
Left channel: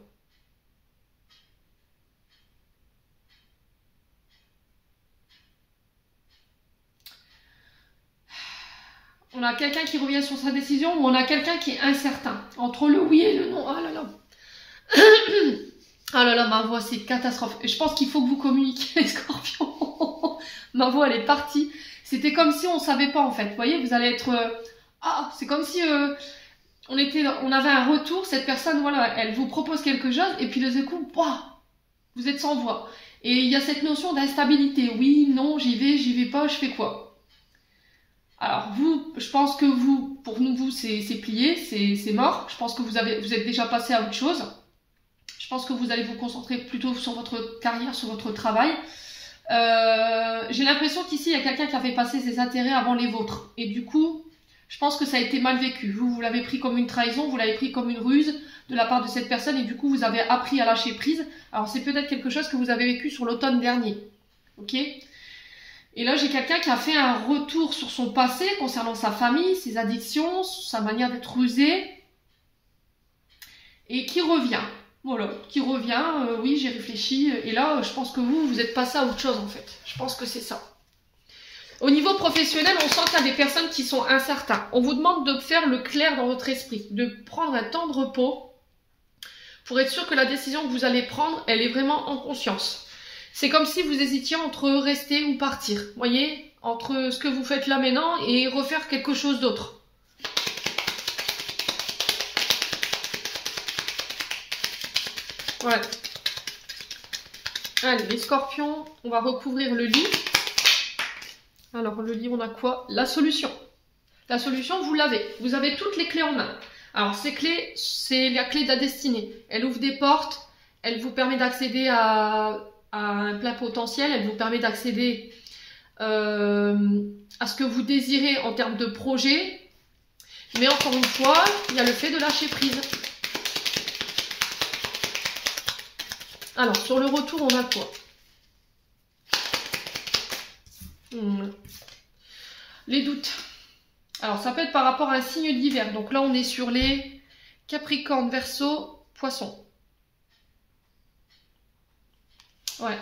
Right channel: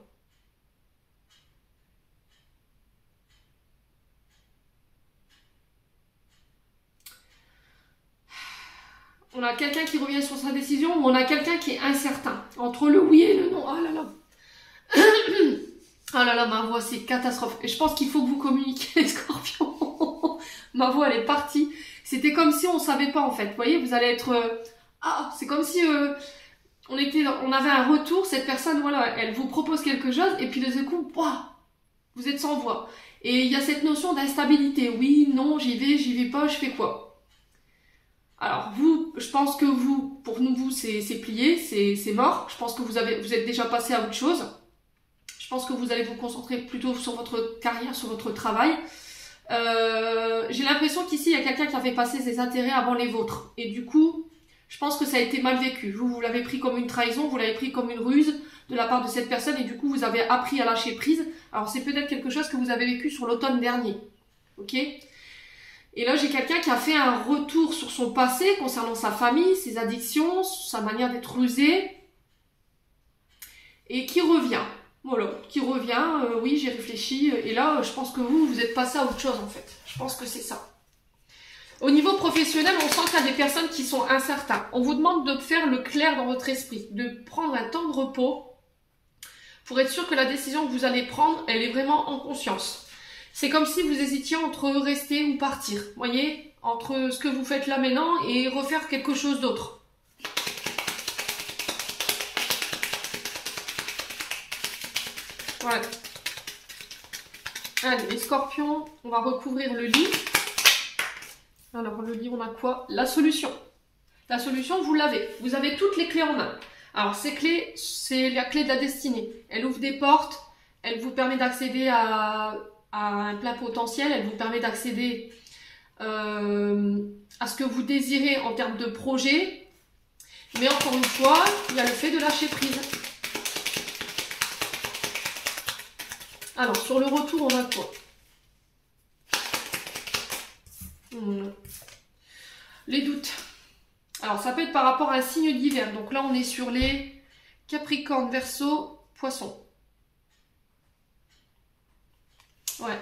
On a quelqu'un qui revient sur sa décision ou on a quelqu'un qui est incertain. Entre le oui et le non. Oh là là. Oh là là, ma voix, c'est catastrophe. Et je pense qu'il faut que vous communiquiez, les scorpions. Ma voix, elle est partie. C'était comme si on ne savait pas, en fait. Vous voyez, vous allez être... c'est comme si on avait un retour. Cette personne, voilà, elle vous propose quelque chose. Et puis, de ce coup, vous êtes sans voix. Et il y a cette notion d'instabilité. Oui, non, j'y vais pas, je fais quoi? Alors vous, je pense que vous, pour vous, c'est plié, c'est mort. Je pense que vous êtes déjà passé à autre chose. Je pense que vous allez vous concentrer plutôt sur votre carrière, sur votre travail. J'ai l'impression qu'ici, il y a quelqu'un qui a fait passer ses intérêts avant les vôtres. Et du coup, je pense que ça a été mal vécu. Vous l'avez pris comme une trahison, vous l'avez pris comme une ruse de la part de cette personne. Et du coup, vous avez appris à lâcher prise. Alors c'est peut-être quelque chose que vous avez vécu sur l'automne dernier. Ok ? Et là, j'ai quelqu'un qui a fait un retour sur son passé concernant sa famille, ses addictions, sa manière d'être rusé. Et qui revient. Voilà, qui revient. Oui, j'ai réfléchi. Et là, je pense que vous êtes passé à autre chose, en fait. Je pense que c'est ça. Au niveau professionnel, on sent qu'il y a des personnes qui sont incertaines. On vous demande de faire le clair dans votre esprit, de prendre un temps de repos pour être sûr que la décision que vous allez prendre, elle est vraiment en conscience. C'est comme si vous hésitiez entre rester ou partir. Vous voyez, entre ce que vous faites là maintenant et refaire quelque chose d'autre. Voilà. Allez, les scorpions, on va recouvrir le lit. Alors, le lit, on a quoi? La solution. La solution, vous l'avez. Vous avez toutes les clés en main. Alors, ces clés, c'est la clé de la destinée. Elle ouvre des portes, elle vous permet d'accéder à un plein potentiel, elle vous permet d'accéder à ce que vous désirez en termes de projet. Mais encore une fois, il y a le fait de lâcher prise. Alors, sur le retour, on a quoi? Les doutes. Alors, ça peut être par rapport à un signe d'hiver. Donc là, on est sur les Capricorne, Verseau, Poisson. Ouais.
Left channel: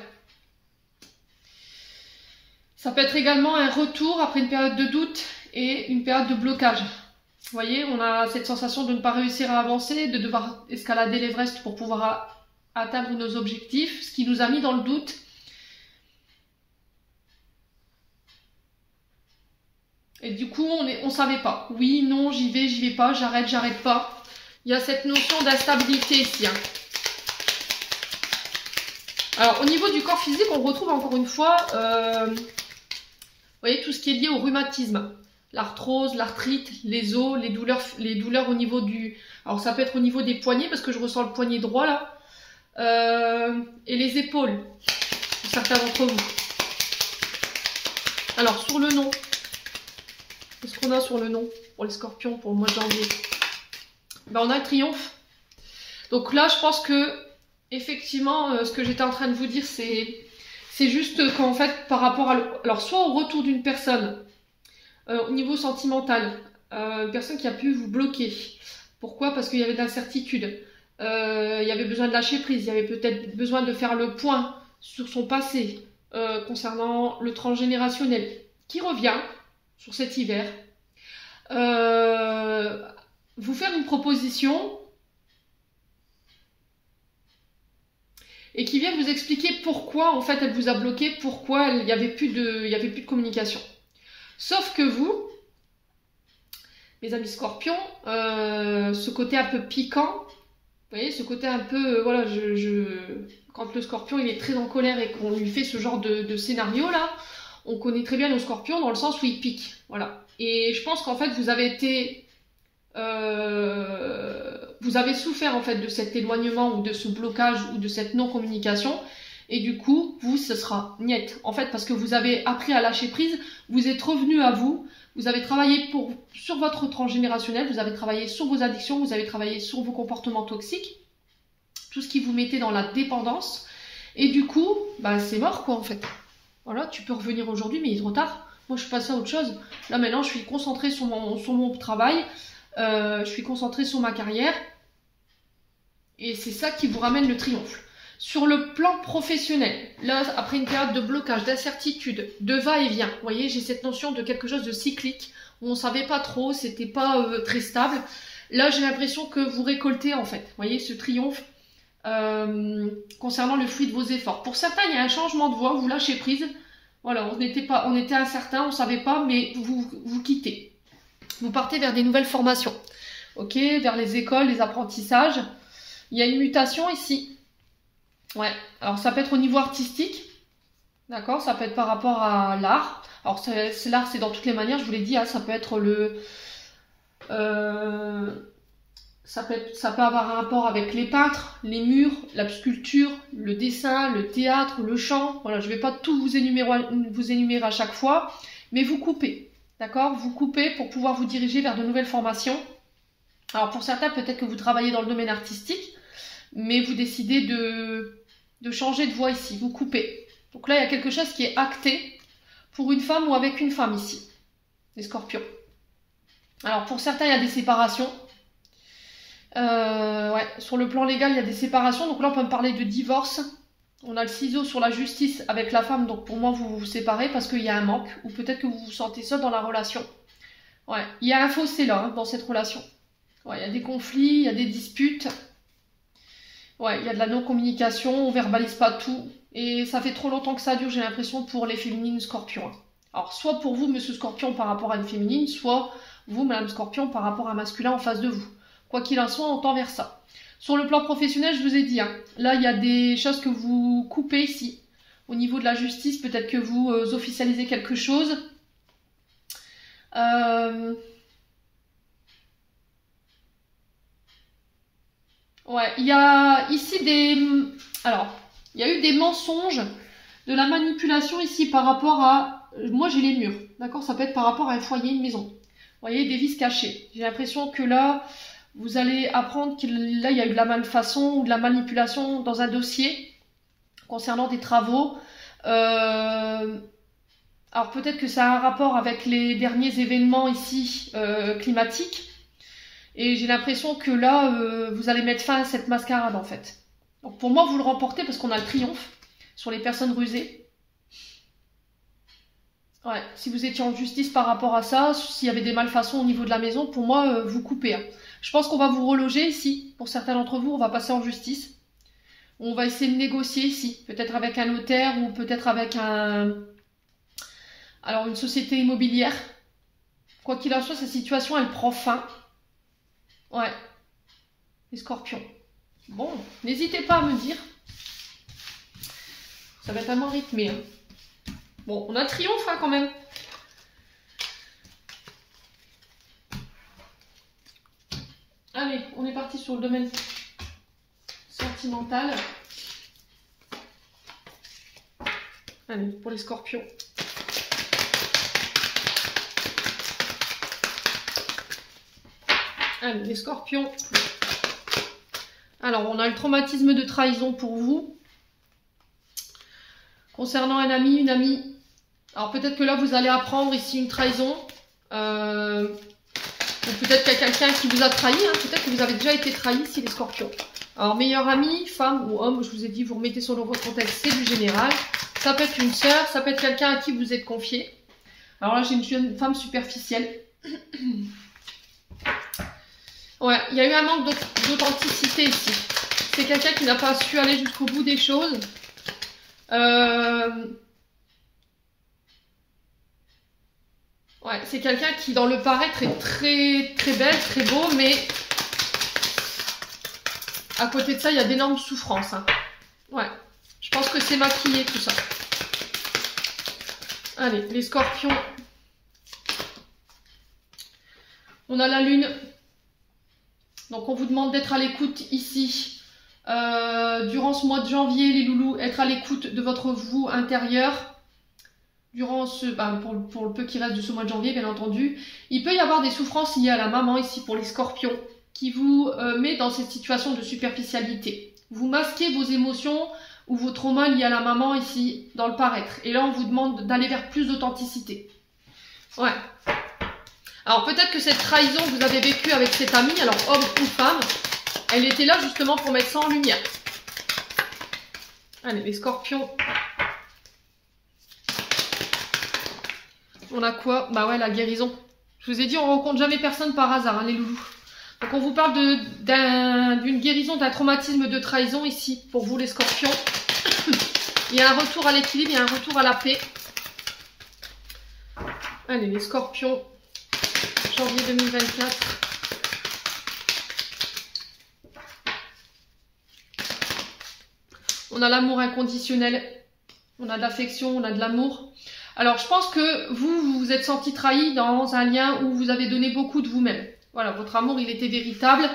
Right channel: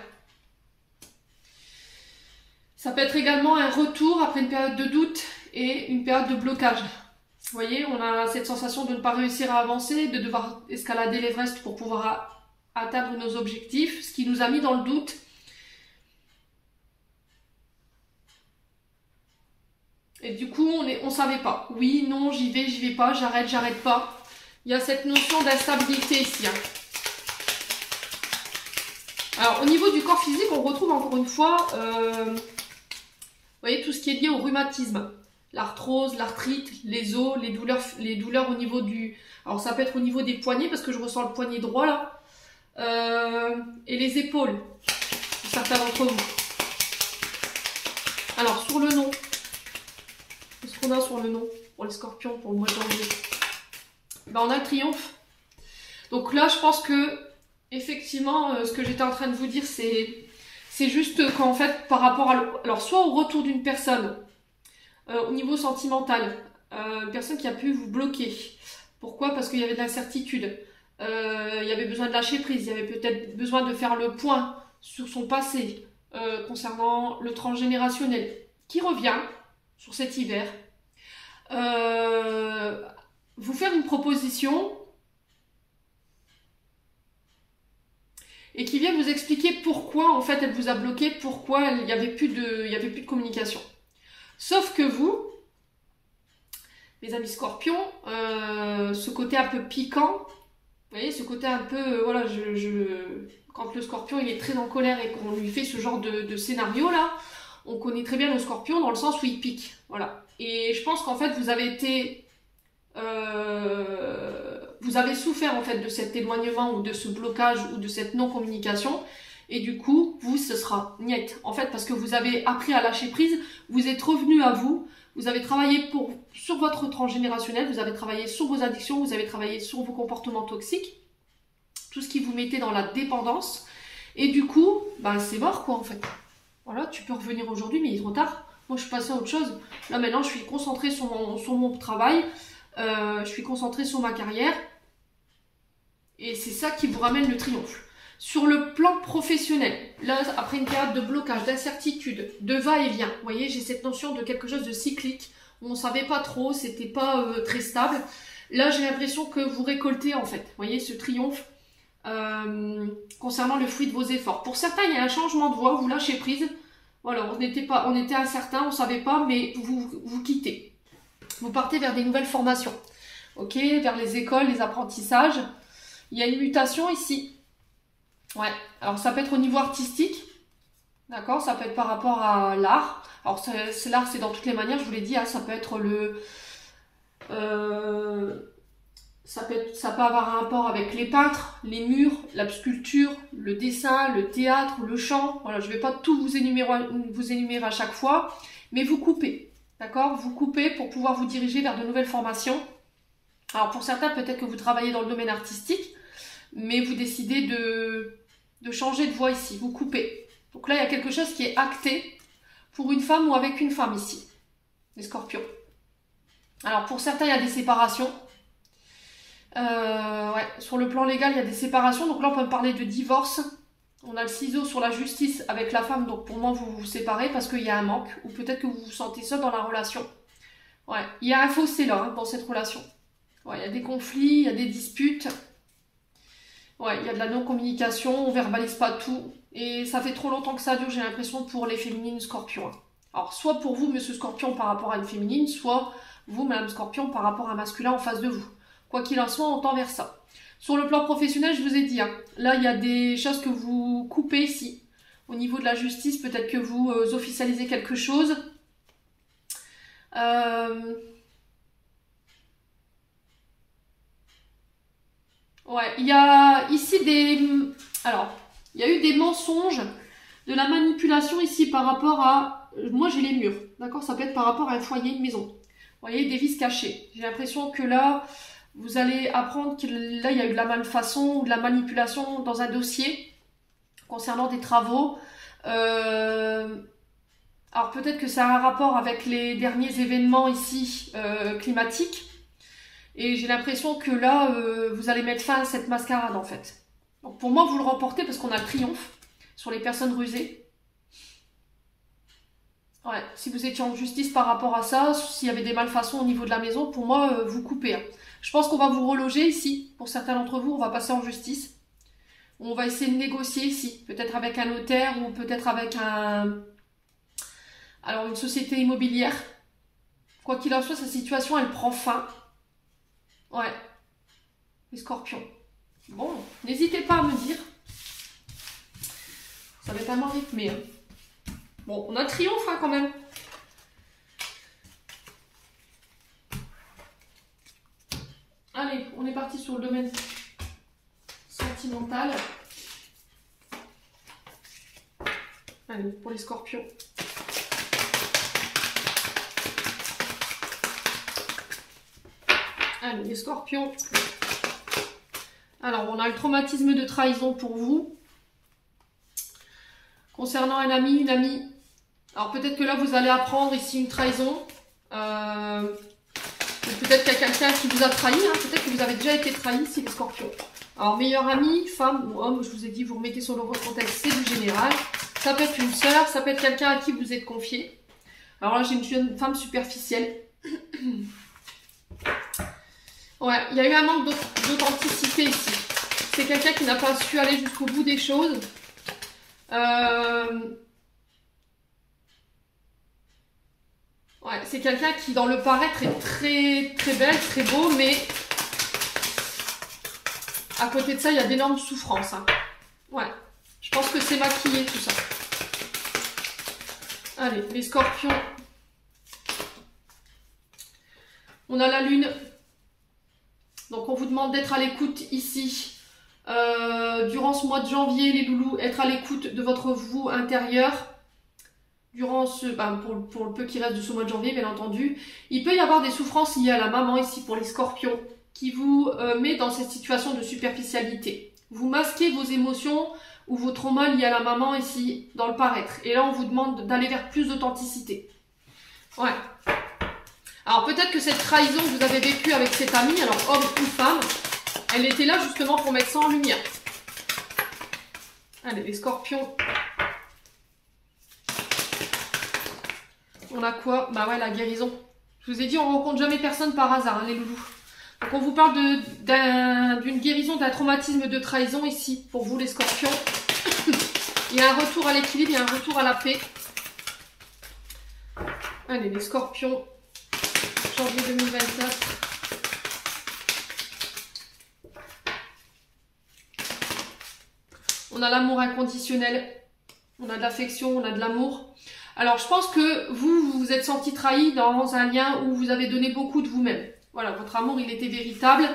Ça peut être également un retour après une période de doute et une période de blocage. Vous voyez, on a cette sensation de ne pas réussir à avancer, de devoir escalader l'Everest pour pouvoir atteindre nos objectifs, ce qui nous a mis dans le doute. Et du coup, on ne savait pas. Oui, non, j'y vais pas, j'arrête pas. Il y a cette notion d'instabilité ici. Hein. Alors, au niveau du corps physique, on retrouve encore une fois, vous voyez, tout ce qui est lié au rhumatisme. L'arthrose, l'arthrite, les os, les douleurs au niveau du... Alors, ça peut être au niveau des poignets, parce que je ressens le poignet droit, là. Et les épaules, pour certains d'entre vous. Alors, sur le nom, qu'est-ce qu'on a sur le nom pour les scorpions, pour le mois de janvier? Ben, on a le triomphe. Donc là, je pense que effectivement, ce que j'étais en train de vous dire, c'est juste qu'en fait, par rapport à... Alors, soit au retour d'une personne, au niveau sentimental, une personne qui a pu vous bloquer. Pourquoi? Parce qu'il y avait de l'incertitude. Il y avait besoin de lâcher prise. Il y avait peut-être besoin de faire le point sur son passé, concernant le transgénérationnel, qui revient sur cet hiver. Vous faire une proposition... et qui vient vous expliquer pourquoi en fait elle vous a bloqué, pourquoi il n'y avait plus de communication. Sauf que vous, mes amis scorpions, ce côté un peu piquant, vous voyez, ce côté un peu, voilà, quand le scorpion il est très en colère et qu'on lui fait ce genre de scénario là, on connaît très bien le scorpion dans le sens où il pique, voilà. Et je pense qu'en fait vous avez été... vous avez souffert en fait de cet éloignement ou de ce blocage ou de cette non-communication. Et du coup, vous, ce sera niet. En fait, parce que vous avez appris à lâcher prise, vous êtes revenu à vous, vous avez travaillé sur votre transgénérationnel, vous avez travaillé sur vos addictions, vous avez travaillé sur vos comportements toxiques, tout ce qui vous mettait dans la dépendance. Et du coup, bah, c'est mort quoi en fait. Voilà, tu peux revenir aujourd'hui, mais il est trop tard. Moi, je suis passée à autre chose. Là, maintenant, je suis concentrée sur mon travail, je suis concentrée sur ma carrière. Et c'est ça qui vous ramène le triomphe. Sur le plan professionnel, là, après une période de blocage, d'incertitude, de va-et-vient, vous voyez, j'ai cette notion de quelque chose de cyclique, où on ne savait pas trop, c'était pas très stable. Là, j'ai l'impression que vous récoltez, en fait, vous voyez, ce triomphe concernant le fruit de vos efforts. Pour certains, il y a un changement de voie, vous lâchez prise. Voilà, on était incertain, on ne savait pas, mais vous quittez. Vous partez vers des nouvelles formations, ok, vers les écoles, les apprentissages. Il y a une mutation ici. Ouais, alors ça peut être au niveau artistique, d'accord, ça peut être par rapport à l'art. Alors l'art, c'est dans toutes les manières, je vous l'ai dit, hein, ça peut être ça peut avoir un rapport avec les peintres, les murs, la sculpture, le dessin, le théâtre, le chant. Voilà, je ne vais pas tout vous énumérer à chaque fois, mais vous coupez, d'accord, vous coupez pour pouvoir vous diriger vers de nouvelles formations. Alors pour certains, peut-être que vous travaillez dans le domaine artistique, mais vous décidez de changer de voie ici, vous coupez. Donc là, il y a quelque chose qui est acté pour une femme ou avec une femme ici, les scorpions. Alors pour certains, il y a des séparations. Ouais, sur le plan légal, il y a des séparations. Donc là, on peut me parler de divorce. On a le ciseau sur la justice avec la femme. Donc pour moi, vous vous séparez parce qu'il y a un manque. Ou peut-être que vous vous sentez seul dans la relation. Ouais, il y a un fossé là, hein, dans cette relation. Ouais, il y a des conflits, il y a des disputes. Ouais, il y a de la non-communication, on verbalise pas tout. Et ça fait trop longtemps que ça dure, j'ai l'impression, pour les féminines scorpions. Alors, soit pour vous, monsieur scorpion, par rapport à une féminine, soit vous, madame scorpion, par rapport à un masculin en face de vous. Quoi qu'il en soit, on tend vers ça. Sur le plan professionnel, je vous ai dit, hein, là, il y a des choses que vous coupez ici. Au niveau de la justice, peut-être que vous officialisez quelque chose. Ouais, il y a ici alors, il y a eu des mensonges, de la manipulation ici par rapport à... Moi, j'ai les murs, d'accord? Ça peut être par rapport à un foyer, une maison. Vous voyez, des vices cachés. J'ai l'impression que là, vous allez apprendre que là, il y a eu de la malfaçon ou de la manipulation dans un dossier concernant des travaux. Alors, peut-être que ça a un rapport avec les derniers événements ici climatiques. Et j'ai l'impression que là, vous allez mettre fin à cette mascarade en fait. Donc pour moi, vous le remportez parce qu'on a le triomphe sur les personnes rusées. Ouais, si vous étiez en justice par rapport à ça, s'il y avait des malfaçons au niveau de la maison, pour moi, vous coupez. Hein. Je pense qu'on va vous reloger ici. Pour certains d'entre vous, on va passer en justice. On va essayer de négocier ici. Peut-être avec un notaire ou peut-être avec alors une société immobilière. Quoi qu'il en soit, sa situation, elle prend fin. Ouais, les scorpions. Bon, n'hésitez pas à me dire. Ça va être vraiment rythmé. Hein. Bon, on a triomphe hein, quand même. Allez, on est parti sur le domaine sentimental. Allez, pour les scorpions. Allez, les scorpions. Alors, on a le traumatisme de trahison pour vous. Concernant un ami, une amie. Alors, peut-être que là, vous allez apprendre ici une trahison. Ou peut-être qu'il y a quelqu'un qui vous a trahi. Hein. Peut-être que vous avez déjà été trahi ici, les scorpions. Alors, meilleur ami, femme ou homme, je vous ai dit, vous remettez sur le contexte, c'est du général. Ça peut être une sœur, ça peut être quelqu'un à qui vous êtes confié. Alors là, j'ai une jeune femme superficielle. Ouais, il y a eu un manque d'authenticité ici. C'est quelqu'un qui n'a pas su aller jusqu'au bout des choses. Ouais, c'est quelqu'un qui, dans le paraître, est très, très belle, très beau, mais à côté de ça, il y a d'énormes souffrances. Hein. Ouais, je pense que c'est maquillé tout ça. Allez, les scorpions. On a la lune. Donc on vous demande d'être à l'écoute ici. Durant ce mois de janvier, les loulous, être à l'écoute de votre vous intérieur. Durant pour le peu qui reste de ce mois de janvier, bien entendu. Il peut y avoir des souffrances liées à la maman ici pour les scorpions, qui vous met dans cette situation de superficialité. Vous masquez vos émotions ou vos traumas liés à la maman ici, dans le paraître. Et là, on vous demande d'aller vers plus d'authenticité. Ouais. Alors peut-être que cette trahison que vous avez vécue avec cet ami, alors homme ou femme, elle était là justement pour mettre ça en lumière. Allez, les scorpions. On a quoi? Bah ouais, la guérison. Je vous ai dit, on rencontre jamais personne par hasard, hein, les loulous. Donc on vous parle d'une guérison, d'un traumatisme de trahison ici, pour vous les scorpions. Il y a un retour à l'équilibre, il y a un retour à la paix. Allez, les scorpions, janvier 2024. On a l'amour inconditionnel, on a de l'affection, on a de l'amour. Alors, je pense que vous vous êtes senti trahi dans un lien où vous avez donné beaucoup de vous-même. Voilà, votre amour, il était véritable.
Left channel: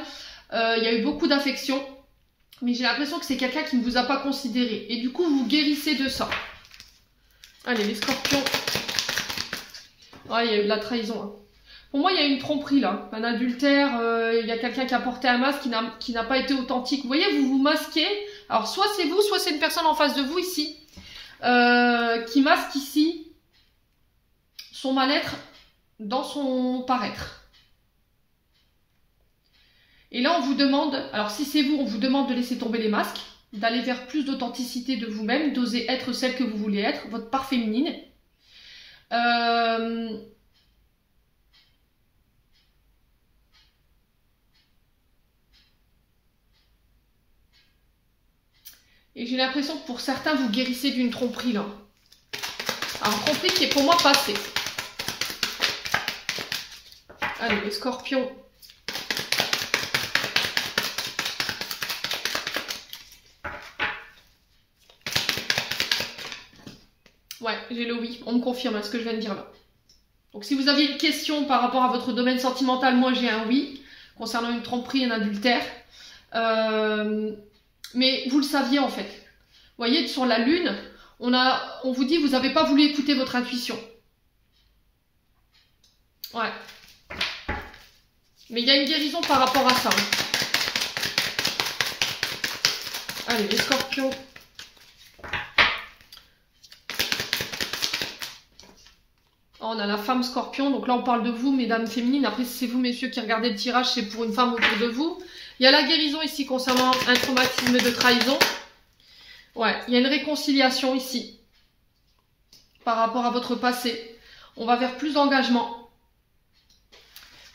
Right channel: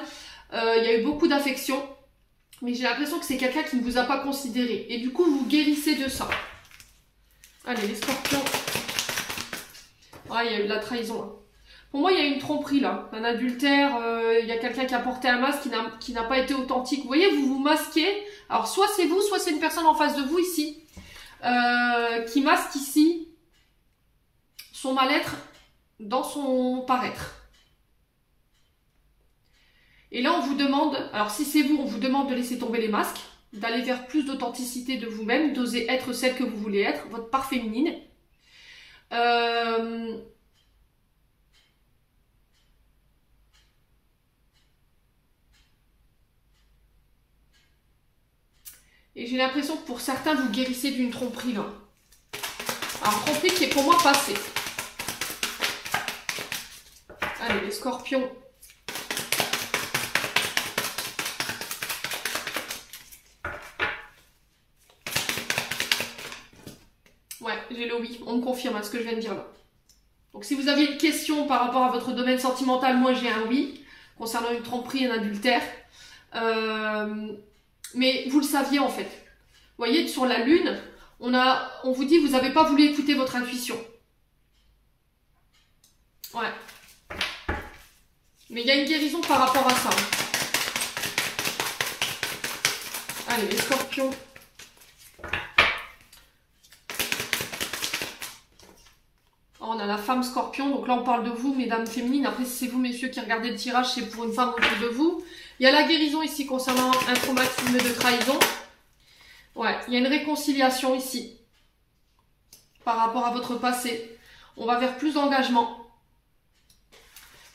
Il y a eu beaucoup d'affection. Mais j'ai l'impression que c'est quelqu'un qui ne vous a pas considéré. Et du coup, vous guérissez de ça. Allez, les scorpions. Ouais, il y a eu de la trahison. Hein. Pour moi, il y a eu une tromperie là. Un adultère, il y a quelqu'un qui a porté un masque qui n'a pas été authentique. Vous voyez, vous vous masquez. Alors, soit c'est vous, soit c'est une personne en face de vous ici. Qui masque ici son mal-être dans son paraître. Et là, on vous demande, alors si c'est vous, on vous demande de laisser tomber les masques, d'aller vers plus d'authenticité de vous-même, d'oser être celle que vous voulez être, votre part féminine. Et j'ai l'impression que pour certains, vous guérissez d'une tromperie là. Alors, tromperie qui est pour moi passée. Allez, les scorpions. Ouais, j'ai le oui. On me confirme à ce que je viens de dire là. Donc, si vous avez une question par rapport à votre domaine sentimental, moi j'ai un oui. Concernant une tromperie, un adultère. Mais vous le saviez en fait. Vous voyez, sur la lune, on vous dit vous n'avez pas voulu écouter votre intuition. Ouais. Mais il y a une guérison par rapport à ça. Allez, les scorpions. On a la femme scorpion. Donc là, on parle de vous, mesdames féminines. Après, si c'est vous, messieurs, qui regardez le tirage, c'est pour une femme autour de vous. Il y a la guérison ici concernant un traumatisme de trahison. Ouais, il y a une réconciliation ici. Par rapport à votre passé. On va vers plus d'engagement.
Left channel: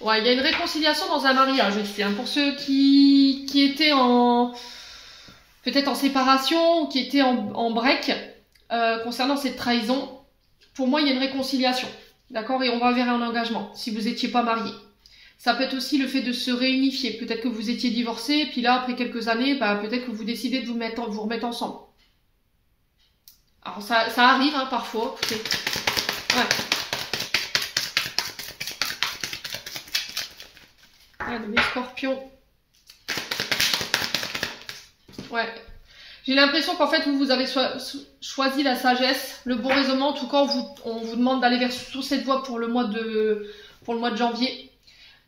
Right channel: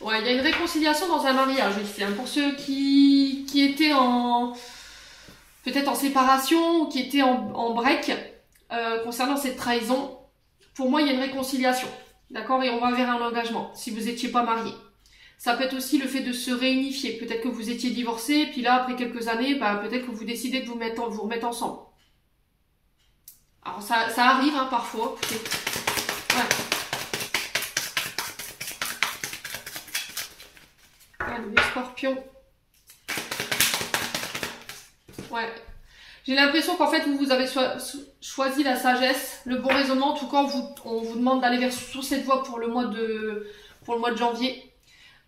Ouais, il y a une réconciliation dans un mariage ici. Hein, pour ceux qui étaient peut-être en séparation ou qui étaient en break concernant cette trahison. Pour moi, il y a une réconciliation. D'accord? Et on va vers un engagement si vous n'étiez pas marié. Ça peut être aussi le fait de se réunifier. Peut-être que vous étiez divorcé, et puis là, après quelques années, bah, peut-être que vous décidez de vous remettre ensemble. Alors, ça arrive hein, parfois. Écoutez. Ouais. Allez, les scorpions. Ouais. J'ai l'impression qu'en fait, vous avez choisi la sagesse, le bon raisonnement. En tout cas, on vous demande d'aller sur cette voie pour le mois de janvier.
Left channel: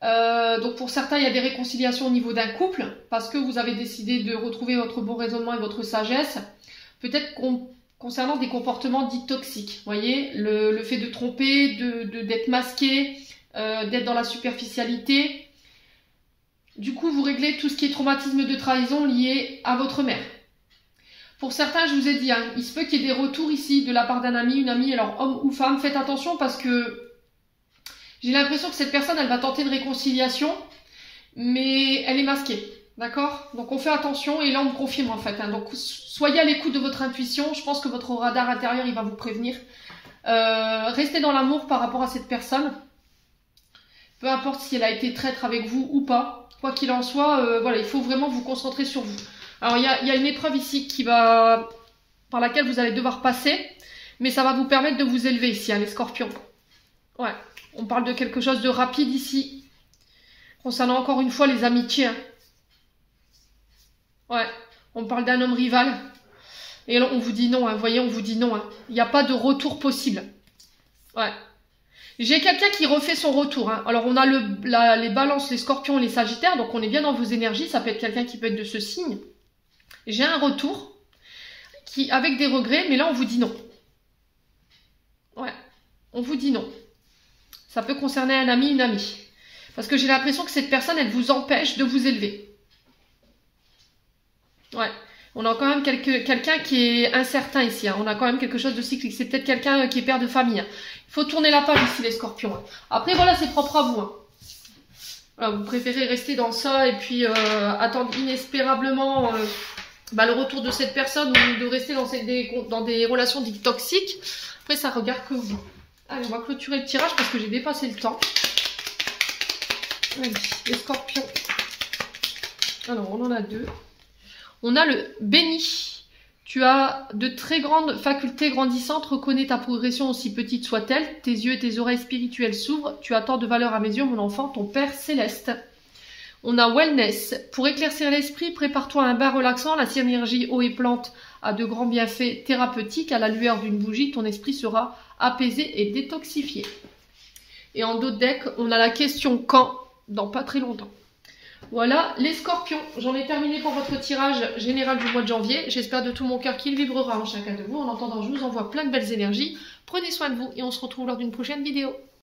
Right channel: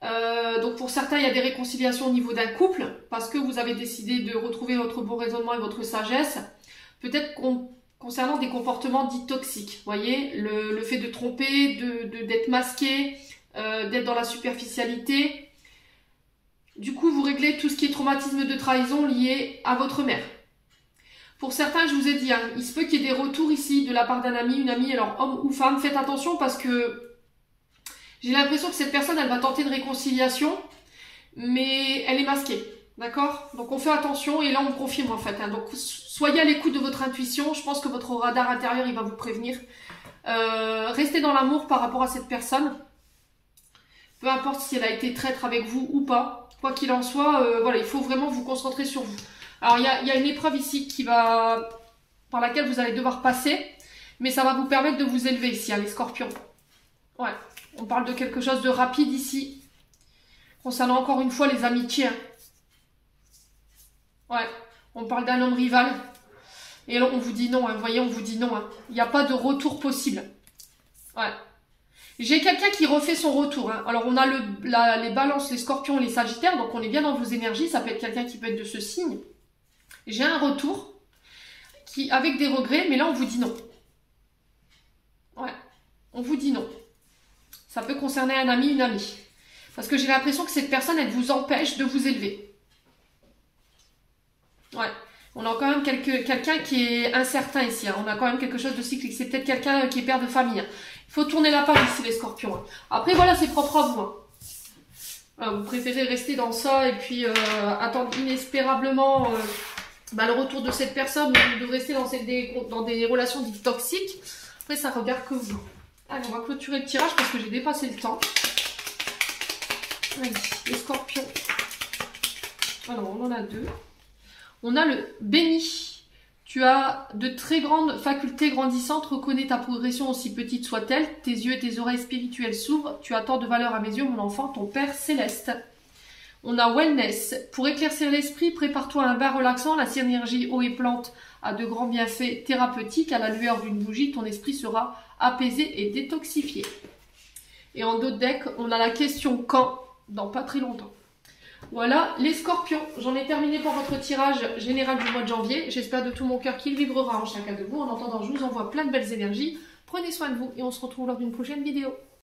Donc pour certains, il y a des réconciliations au niveau d'un couple parce que vous avez décidé de retrouver votre bon raisonnement et votre sagesse. Peut-être concernant des comportements dits toxiques. Vous voyez, le fait de tromper, d'être masqué, d'être dans la superficialité. Du coup, vous réglez tout ce qui est traumatisme de trahison lié à votre mère. Pour certains, je vous ai dit, hein, il se peut qu'il y ait des retours ici de la part d'un ami, une amie, alors homme ou femme. Faites attention parce que j'ai l'impression que cette personne, elle va tenter une réconciliation, mais elle est masquée. D'accord? Donc on fait attention et là on me confirme en fait. Hein. Donc soyez à l'écoute de votre intuition. Je pense que votre radar intérieur, il va vous prévenir. Restez dans l'amour par rapport à cette personne. Peu importe si elle a été traître avec vous ou pas. Quoi qu'il en soit, voilà, il faut vraiment vous concentrer sur vous. Alors, il y a une épreuve ici par laquelle vous allez devoir passer. Mais ça va vous permettre de vous élever ici, hein, les scorpions. Ouais, on parle de quelque chose de rapide ici. Concernant encore une fois les amitiés. Hein. Ouais, on parle d'un homme rival. Et là, on vous dit non, hein. Vous voyez, on vous dit non. Hein. Il n'y a pas de retour possible. Ouais. J'ai quelqu'un qui refait son retour. Hein. Alors, on a les balances, les scorpions, les sagittaires. Donc, on est bien dans vos énergies. Ça peut être quelqu'un qui peut être de ce signe. J'ai un retour avec des regrets. Mais là, on vous dit non. Ouais. On vous dit non. Ça peut concerner un ami, une amie. Parce que j'ai l'impression que cette personne, elle vous empêche de vous élever. Ouais. On a quand même quelqu'un qui est incertain ici. Hein. On a quand même quelque chose de cyclique. C'est peut-être quelqu'un qui est père de famille. Hein. Il faut tourner la page ici, les scorpions. Hein. Après, voilà, c'est propre à vous. Hein. Voilà, vous préférez rester dans ça et puis attendre inespérablement le retour de cette personne ou de rester dans des relations dites toxiques. Après, ça regarde que vous. Allez, on va clôturer le tirage parce que j'ai dépassé le temps. Allez, les scorpions. Alors, on en a deux. On a le béni. Tu as de très grandes facultés grandissantes. Reconnais ta progression aussi petite soit-elle. Tes yeux et tes oreilles spirituelles s'ouvrent. Tu as tant de valeur à mes yeux, mon enfant, ton Père céleste. On a wellness. Pour éclaircir l'esprit, prépare-toi à un bain relaxant. La synergie eau et plante a de grands bienfaits thérapeutiques. À la lueur d'une bougie, ton esprit sera apaisé et détoxifié. Et en dos de deck, on a la question quand, dans pas très longtemps. Voilà, les scorpions, j'en ai terminé pour votre tirage général du mois de janvier. J'espère de tout mon cœur qu'il vibrera en chacun de vous. En attendant, je vous envoie plein de belles énergies. Prenez soin de vous et on se retrouve lors d'une prochaine vidéo.